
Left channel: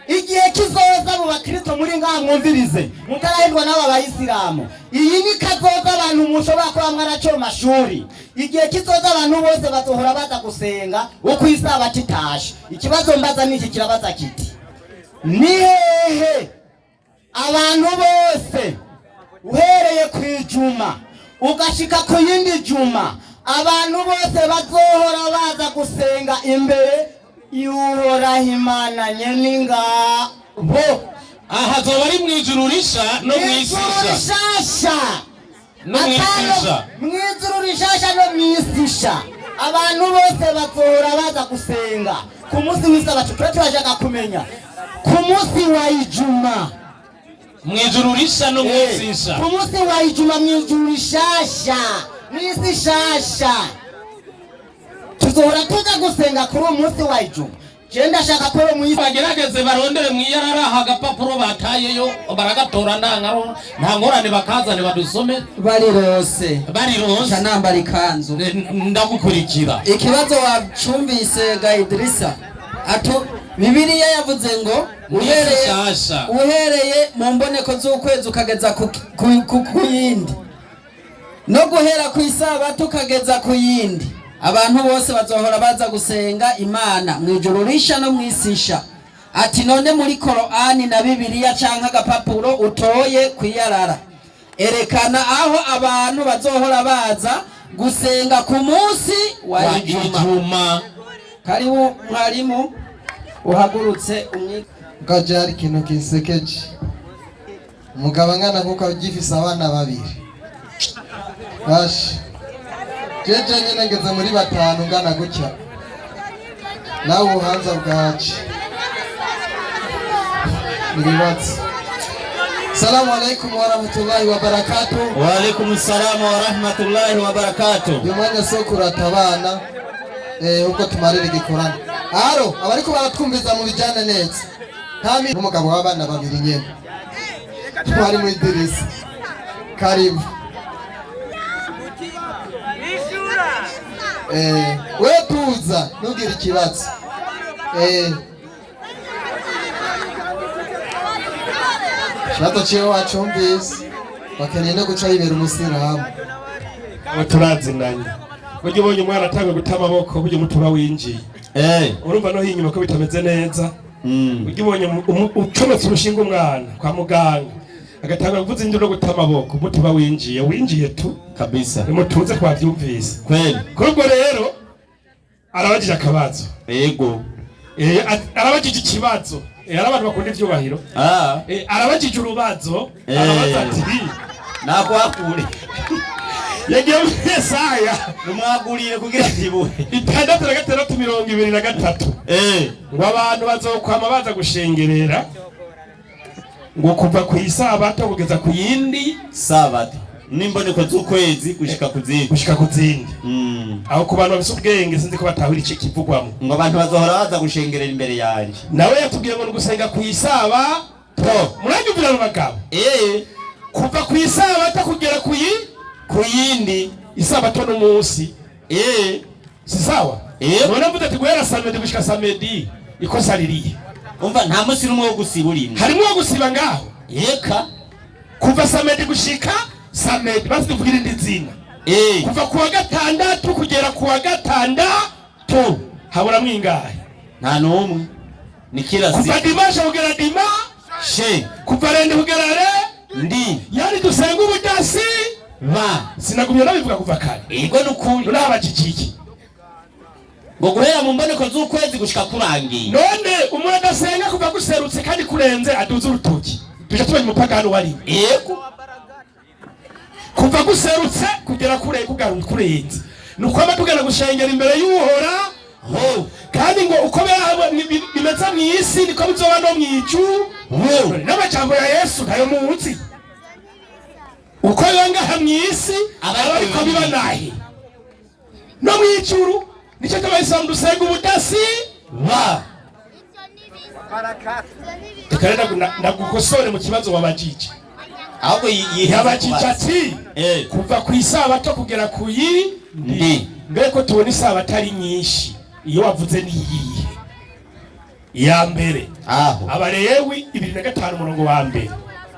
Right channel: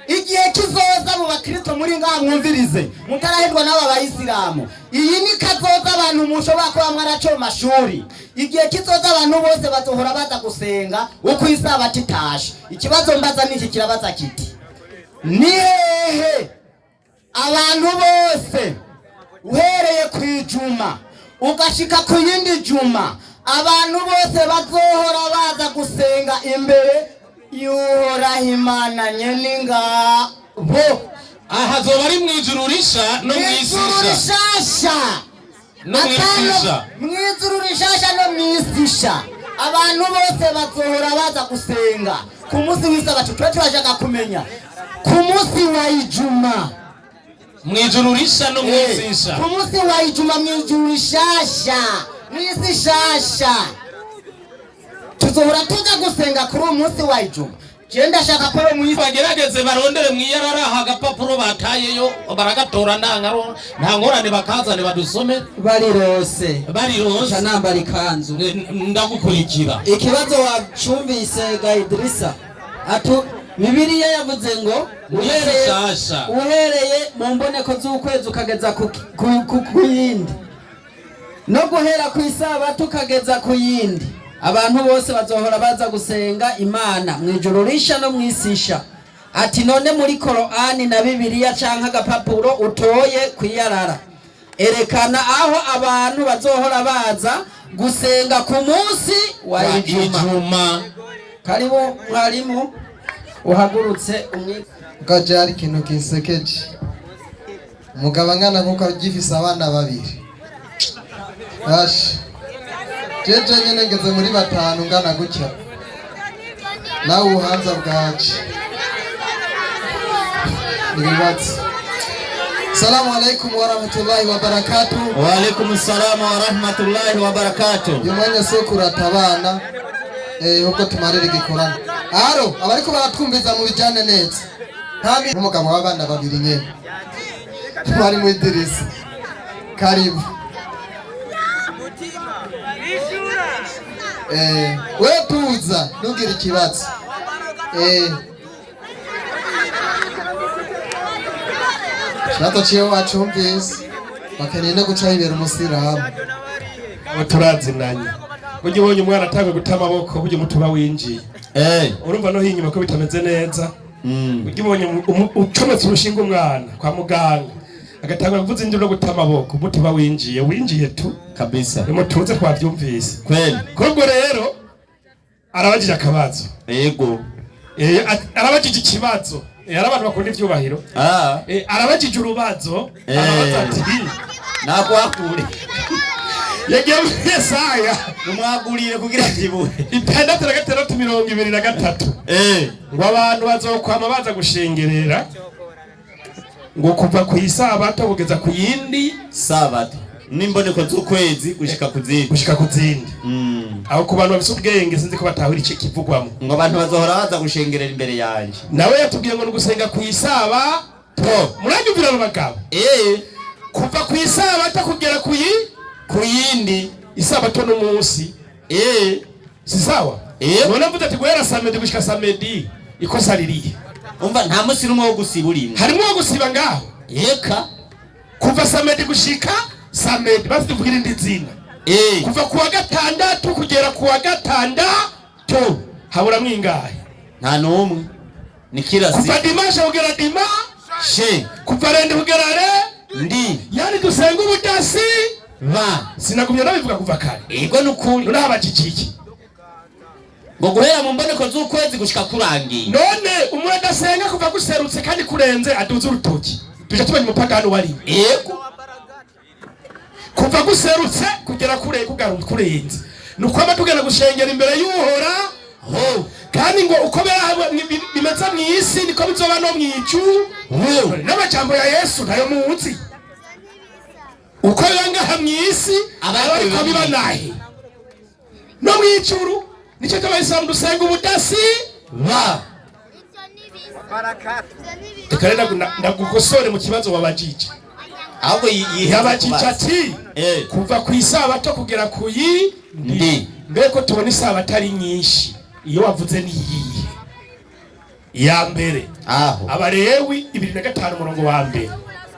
igihe kizoza mu bakristo muri ngaha mwumvirize mukarahirwa n'aba bayisilamu. Iyi ni kazoza abantu mushobora kuba mwaraco mashuri. Igihe kizoza abantu bose bazohora baza gusenga uko isabato itashe. Ikibazo mbaza niki kirabaza kiti ni hehe abantu bose uhereye kwijuma ugashika ku yindi juma abantu bose bazohora baza gusenga imbere y'Uhoraho Imana nyeningabo. Aha zoba ari mwijuru risha no mwisisha. Mwijuru rishasha no mwisisha. Abantu bose bazohora baza gusenga ku munsi w'isabato. Turashaka kumenya ku munsi wa ijuma mwijuru risha no mwisisha. Ku munsi wa ijuma mwijuru rishasha mwisisha. Tuzohora tuza gusenga kuri uwo munsi wa ijuma. Genda shaka ko bagerageze barondere mwiyarara agapapuro batayeyo baragatora nta ngorane bakazane badusome barirose namba rikanzu ndagukurikira. Ikibazo wacumbise ga Idrisa atu Bibiliya yavuze ngo uhereye mu mboneko z'ukwezi ukageza ku yindi, no guhera ku isabato ukageza ku yindi, abantu bose bazohora baza gusenga Imana mwijuru risha no mwisisha. Ati none muri Korani na Bibiliya canke agapapuro utoye kwiyarara erekana aho abantu bazohora baza gusenga ku munsi wa ijuma. Karibu mwarimu uhagurutse Gajari kino kisekeje umugabo angana nkuko agifise abana babiri. Jeje nyene ngeze muri batanu ngana gutya nawe ubuhanza bwaje ibibatsi. Assalamu alaikum wa rahmatullahi wa barakatuh. Wa alaikum salam wa rahmatullahi wa barakatuh. Yumwanya soko ratabana ubwo tumarira igikorana. Aro abariko baratwumviza mu bijane neza. Kami umugabo w'abana babiri nyene. Twari mu Idrisa. Karibu. We tuza nugira ikibazo. Shato cyo wacumvise bakeneye no guca ibera umusiramu. Turazinanye. Ujye ubonye umwana atanga guta amaboko buryo mutuma winjiye. Urumva no hinyuma ko bitameze neza. Ujye ubonye ucometse urushinga umwana kwa muganga agatanga kuvuza induru no guta amaboko mutuma winjiye tu kabisa. Mutuze kwavyumvise. Kweli. Kubwo rero arabajije akabazo. Yego. Arabajije ikibazo. Arabantu bakunda ivyubahiro. Arabajije urubazo. Arabaza ati nakwakure. Yagiye Yesaya umwagurire kugira kibuhe 6:23 ngo abantu bazokwama baza gushengerera ngo kuva ku isabato kugeza ku yindi sabato n'imboneko z'ukwezi gushika ku zindi aho ku bantu bafite ubwenge sinzi ko batahura iki kivugwamo ngo abantu bazohora baza gushengerera imbere yanje. nawe yatubwiye ngo gusenga ku isabato. muranyumvira mu bagabo kuva ku isabato kugera ku yindi isabato n'umunsi si sawa. none mvuze ati guhera samedi gushika samedi ikosa ririye. umva nta musi rumwe wo gusiba urimo. harimo wo gusiba ngaho eka kuva samedi gushika samedi basi tuvugira indi zina. kuva kuwa gatandatu kugera kuwa gatandatu habura mwingahe? nta numwe. ni kila siku. kuva dimashe kugera dimashe kuva rende kugera ndi yani dusenga ubudasi sinagumye nabivuga kuva kare. ego nukuri n'abaciciki ngo guhera mu mboneko z'ukwezi gushika kurangiye. none umuntu adasenga kuva guserutse kandi kurenze aduza urutoki tuje tubanye umupagano wari ego kuva guserutse kugera kurenze nuko amatugana gushengera imbere y'uhora kandi ngo uko bimeze mu isi niko bizoba no mw'iju n'amajambo ya Yesu ntayo munsi uko yongaha mu isi abariko bibanahe no mw'ijuru nicyo tubayisamu dusenga ubudasi reka rero ndagukosore mu kibazo wabajije ahubwo yabajije ati kuva ku isabato kugera ku yindi mbeko tubona isabato ari nyinshi iyo wavuze niyihe? iya mbere Abalewi 2:5 umurongo wa mbere.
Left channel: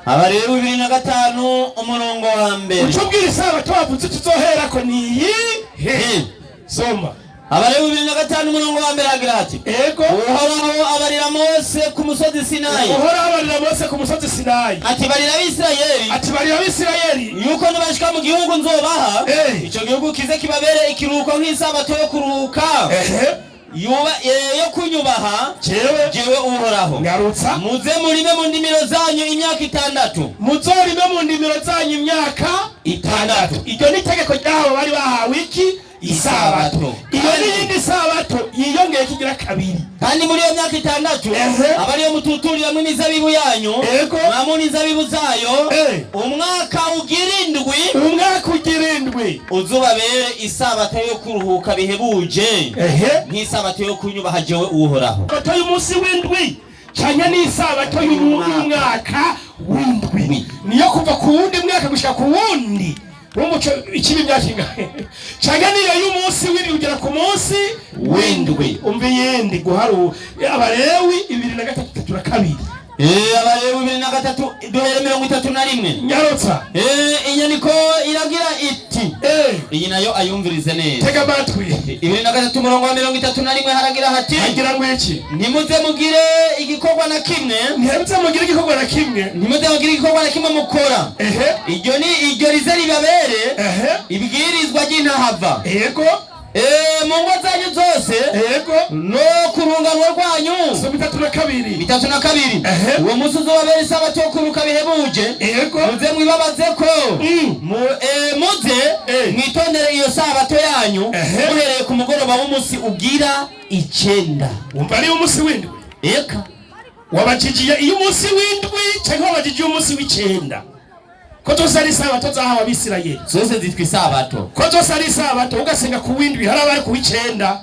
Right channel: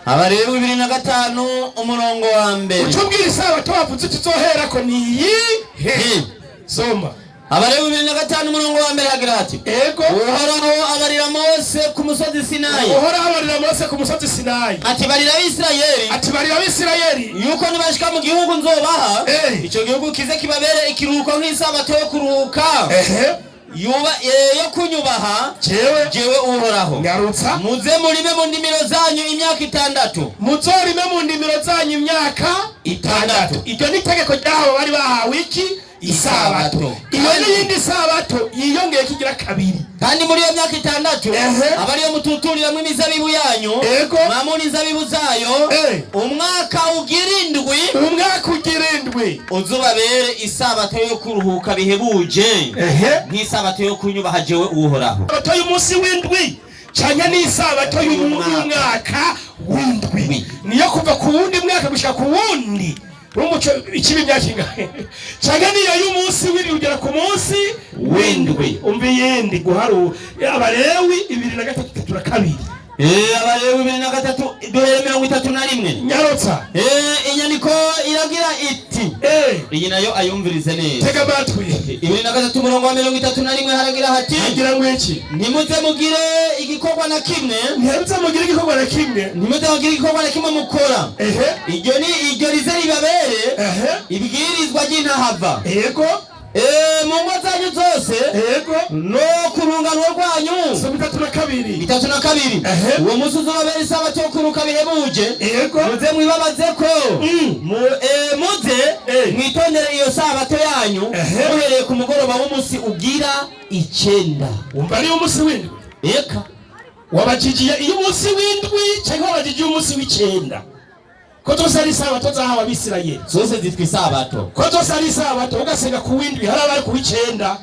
Abalewi 2:5 umurongo wa mbere. ucubwira isabato wavuze tuzoherako niyihe? soma Abalewi 2:5 umurongo wa mbere agira ati ego Uhoraho abarira Mose ku musozi Sinayi. Uhoraho abarira Mose ku musozi Sinayi ati barira Abisirayeli yuko nibashika mu gihugu nzobaha ico gihugu kize kibabere ikiruhuko nk'isabato yo kuruhuka yo kunyubaha jewe Uhoraho. ngarutsa muze murime mu ndimiro zanyu imyaka 6. muzorime mu ndimiro zanyu imyaka 6. iryo ni itegeko ryaho bari bahawe iki? isabato. iyo n'iyindi sabato yiyongeye kigira kabiri. kandi muri iyo myaka 6 abariyo mututuriramwo imizabibu yanyu mwamuna inzabibu zayo umwaka ugira indwi uzubabere isabato yo kuruhuka bihebuje nk'isabato yo kunyubaha jewe Uhoraho. isabato y'umunsi w'indwi canke n'isabato y'umwaka w'indwi niyo kuva ku wundi mwaka gushika ku wundi umuco ikibi myaka ingahe canke niyo y'umunsi w'indwi ugera ku munsi w'indwi. umva yindi guharu Abalewi 2:32. Abalewi 2:3 duhere 31. nyarotsa inyandiko iragira iti iyi nayo ayumvirize neza. tega amatwi. 2:3 umurongo wa 31 haragira hati agira ngo iki? ntimuze mugire igikorwa na kimwe mukora. iryo rize ribabere ibwirizwa ry'intahava mu ngo zanyu zose no ku rungano rwanyu. 3:2 uwo munsi uzobabera isabato yo kuruhuka bihebuje muze mwibabazeko muze mwitondere iyo sabato yanyu muhereye ku mugoroba w'umunsi ugira 9. umva ari umunsi w'indwi eka wabajijiye iyo umunsi w'indwi cyangwa wabajijiye umunsi w'9 ko zose ari isabato zahawe Abisirayeli. zose zitwa isabato. ko zose ari isabato ugasenga ku w'indwi harabaye ku w'9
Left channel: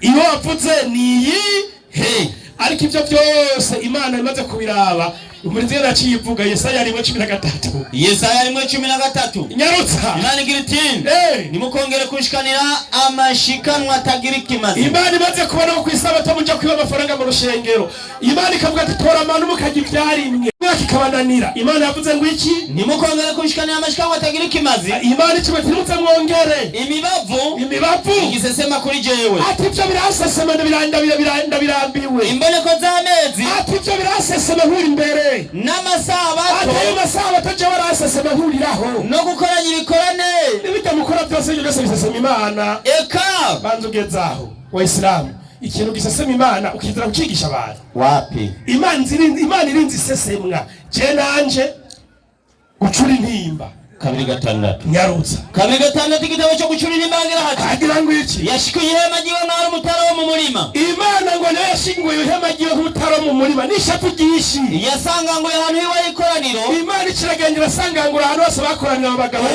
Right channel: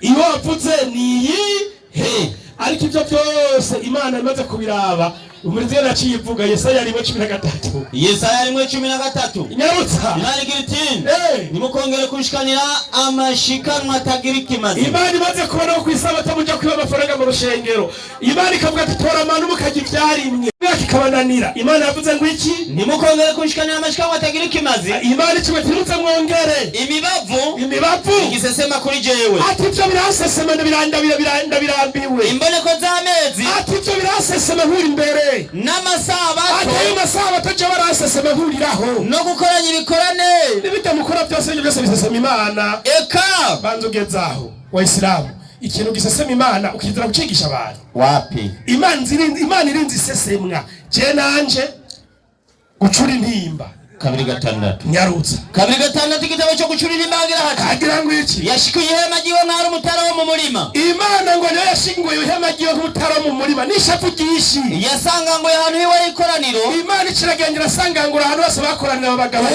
iyo wavuze niyihe? ariko ibyo byose Imana imaze kubiraba umurinzi yaraciye ivuga Yesaya 13. Yesaya 13 nyarutsa Imana igira iti nimukongere kushikanira amashikanwa atagira ikimazi. Imana imaze kubona ko isabato mujya kwiba amafaranga mu rushengero. Imana ikavuga ati tora amanu mukajya ibyarimwe mwaka ikabananira. Imana yavuze ngo iki? nimukongere kushikanira amashikanwa atagira ikimazi. Imana ikimwe timutse mwongere imibavu igisesema kuri jewe. ati ibyo birasesema birambiwe. imboneko z'amezi ati ibyo birasesema huri imbere n'amasabato amasabato je barasesema huriraho no gukoranya ibikorane n'ibijya mukora byose byose bisesema Imana. eka banza ugezaho wa Islamu ikintu gisesema Imana ukizira gucigisha abantu wapi? Imana irinzi isesemwa je nanje gucura intimba kabiri gatandatu nyarutsa kabiri gatandatu igitabo cyo gucurira imbangira hati kagira ngo iki yashikuye ihema ry'iwe ntari umutara wo mu murima Imana ngo niyo yashinguye ihema ry'iwe nk'utaro mu murima n'ishavu ryinshi yasanga ngo ahantu iwe ari ikoraniro Imana ikiragendera asangangura ahantu hose bakoranira abagabo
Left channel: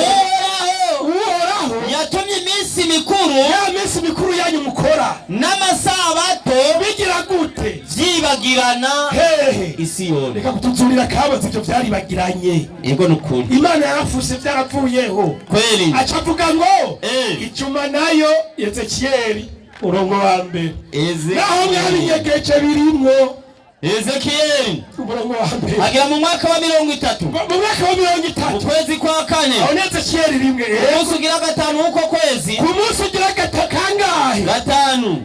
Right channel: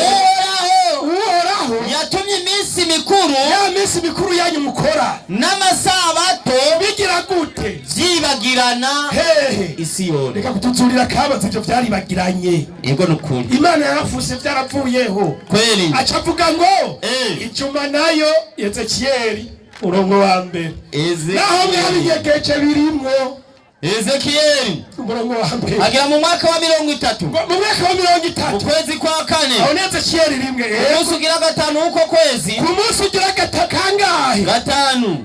Uhoraho yatumye iminsi mikuru ya minsi mikuru yanyu mukora n'amasabato bigira gute vyibagirana hehe Isiyoni. reka kutuzurira kabaza ivyo vyaribagiranye Yego nukuri Imana yaravuze vyaravuyeho kweli aca avuga ngo icuma nayo Ezekiyeli umurongo wa mbere naho mwabinyegeje birimwo Ezekiyeli umurongo wa mbere agira mu mwaka wa 30 mu mwaka wa 30 ukwezi kwa kane aho Ezekiyeli rimwe umunsi ugira gatanu uko kwezi ku munsi ugira kangahe gatanu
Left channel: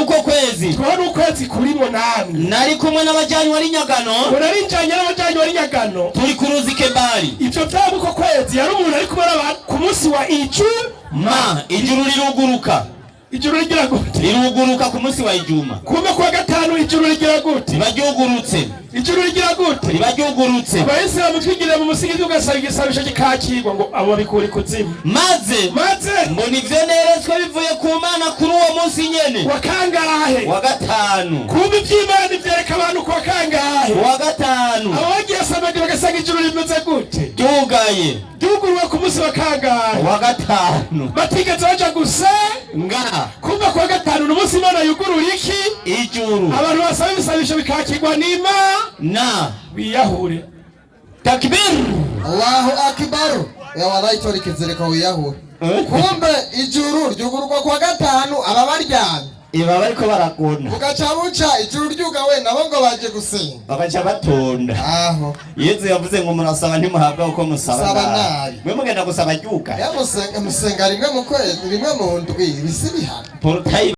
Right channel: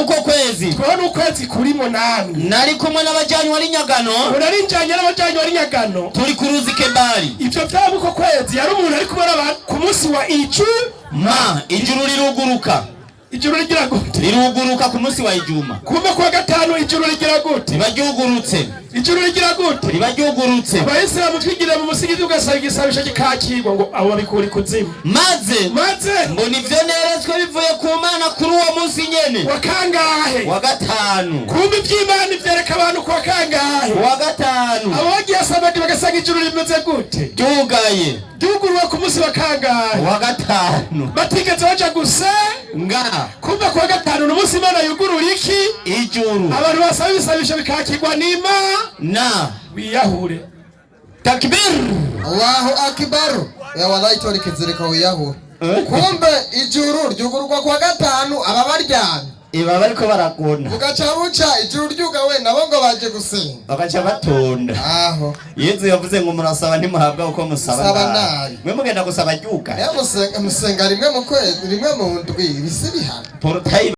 uko kwezi twari ukwezi kurimo namwe nari kumwe n'abajyanyi wari nyagano unarinjanye n'abajyanyi wari nyagano turi ku ruzi Kebari ivyo vyaba uko kwezi yari umuntu ari kubara ku munsi wa ijuru riruguruka ijuru rigira gute riruguruka ku munsi wa ijuma kumbe kuwa gatanu ijuru rigira gute ribaryugurutse ijuru rigira gute ribaryugurutse abayisilamu twigira mu musigiti ugasaba igisabisho kikakirwa ngo abo bikura ikuzimu maze ngo nivyo neretswe bivuye ku Mana kuri uwo munsi nyene wa kangahe wa gatanu kumbe ivy'Imana ivyereka abantu kuwa kangahe wa gatanu abagiye Samedi bagasanga ijuru rimeze gute ryugaye ryuguruwe ku munsi wa kangahe wa gatanu batigeze baja gusenga kumbe kuwa gatanu n'umunsi Imana yugurura iki ijuru abantu basaba ibisabisho bikakirwa n'Imana biyahure takbir Allahu akbar ya walaito likizirika wiyahure kumbe ijuru ryugururwa kwa gatanu aba baryamye bariko baragona ugaca buca ijuru ryugawe nabo ngo baje gusenga bagaca batonda aho Yesu yavuze ngo murasaba ntimuhabwa uko musaba nabi mwe mugenda gusaba ryuka musenga rimwe mu kwezi rimwe mu ndwi bisi bihana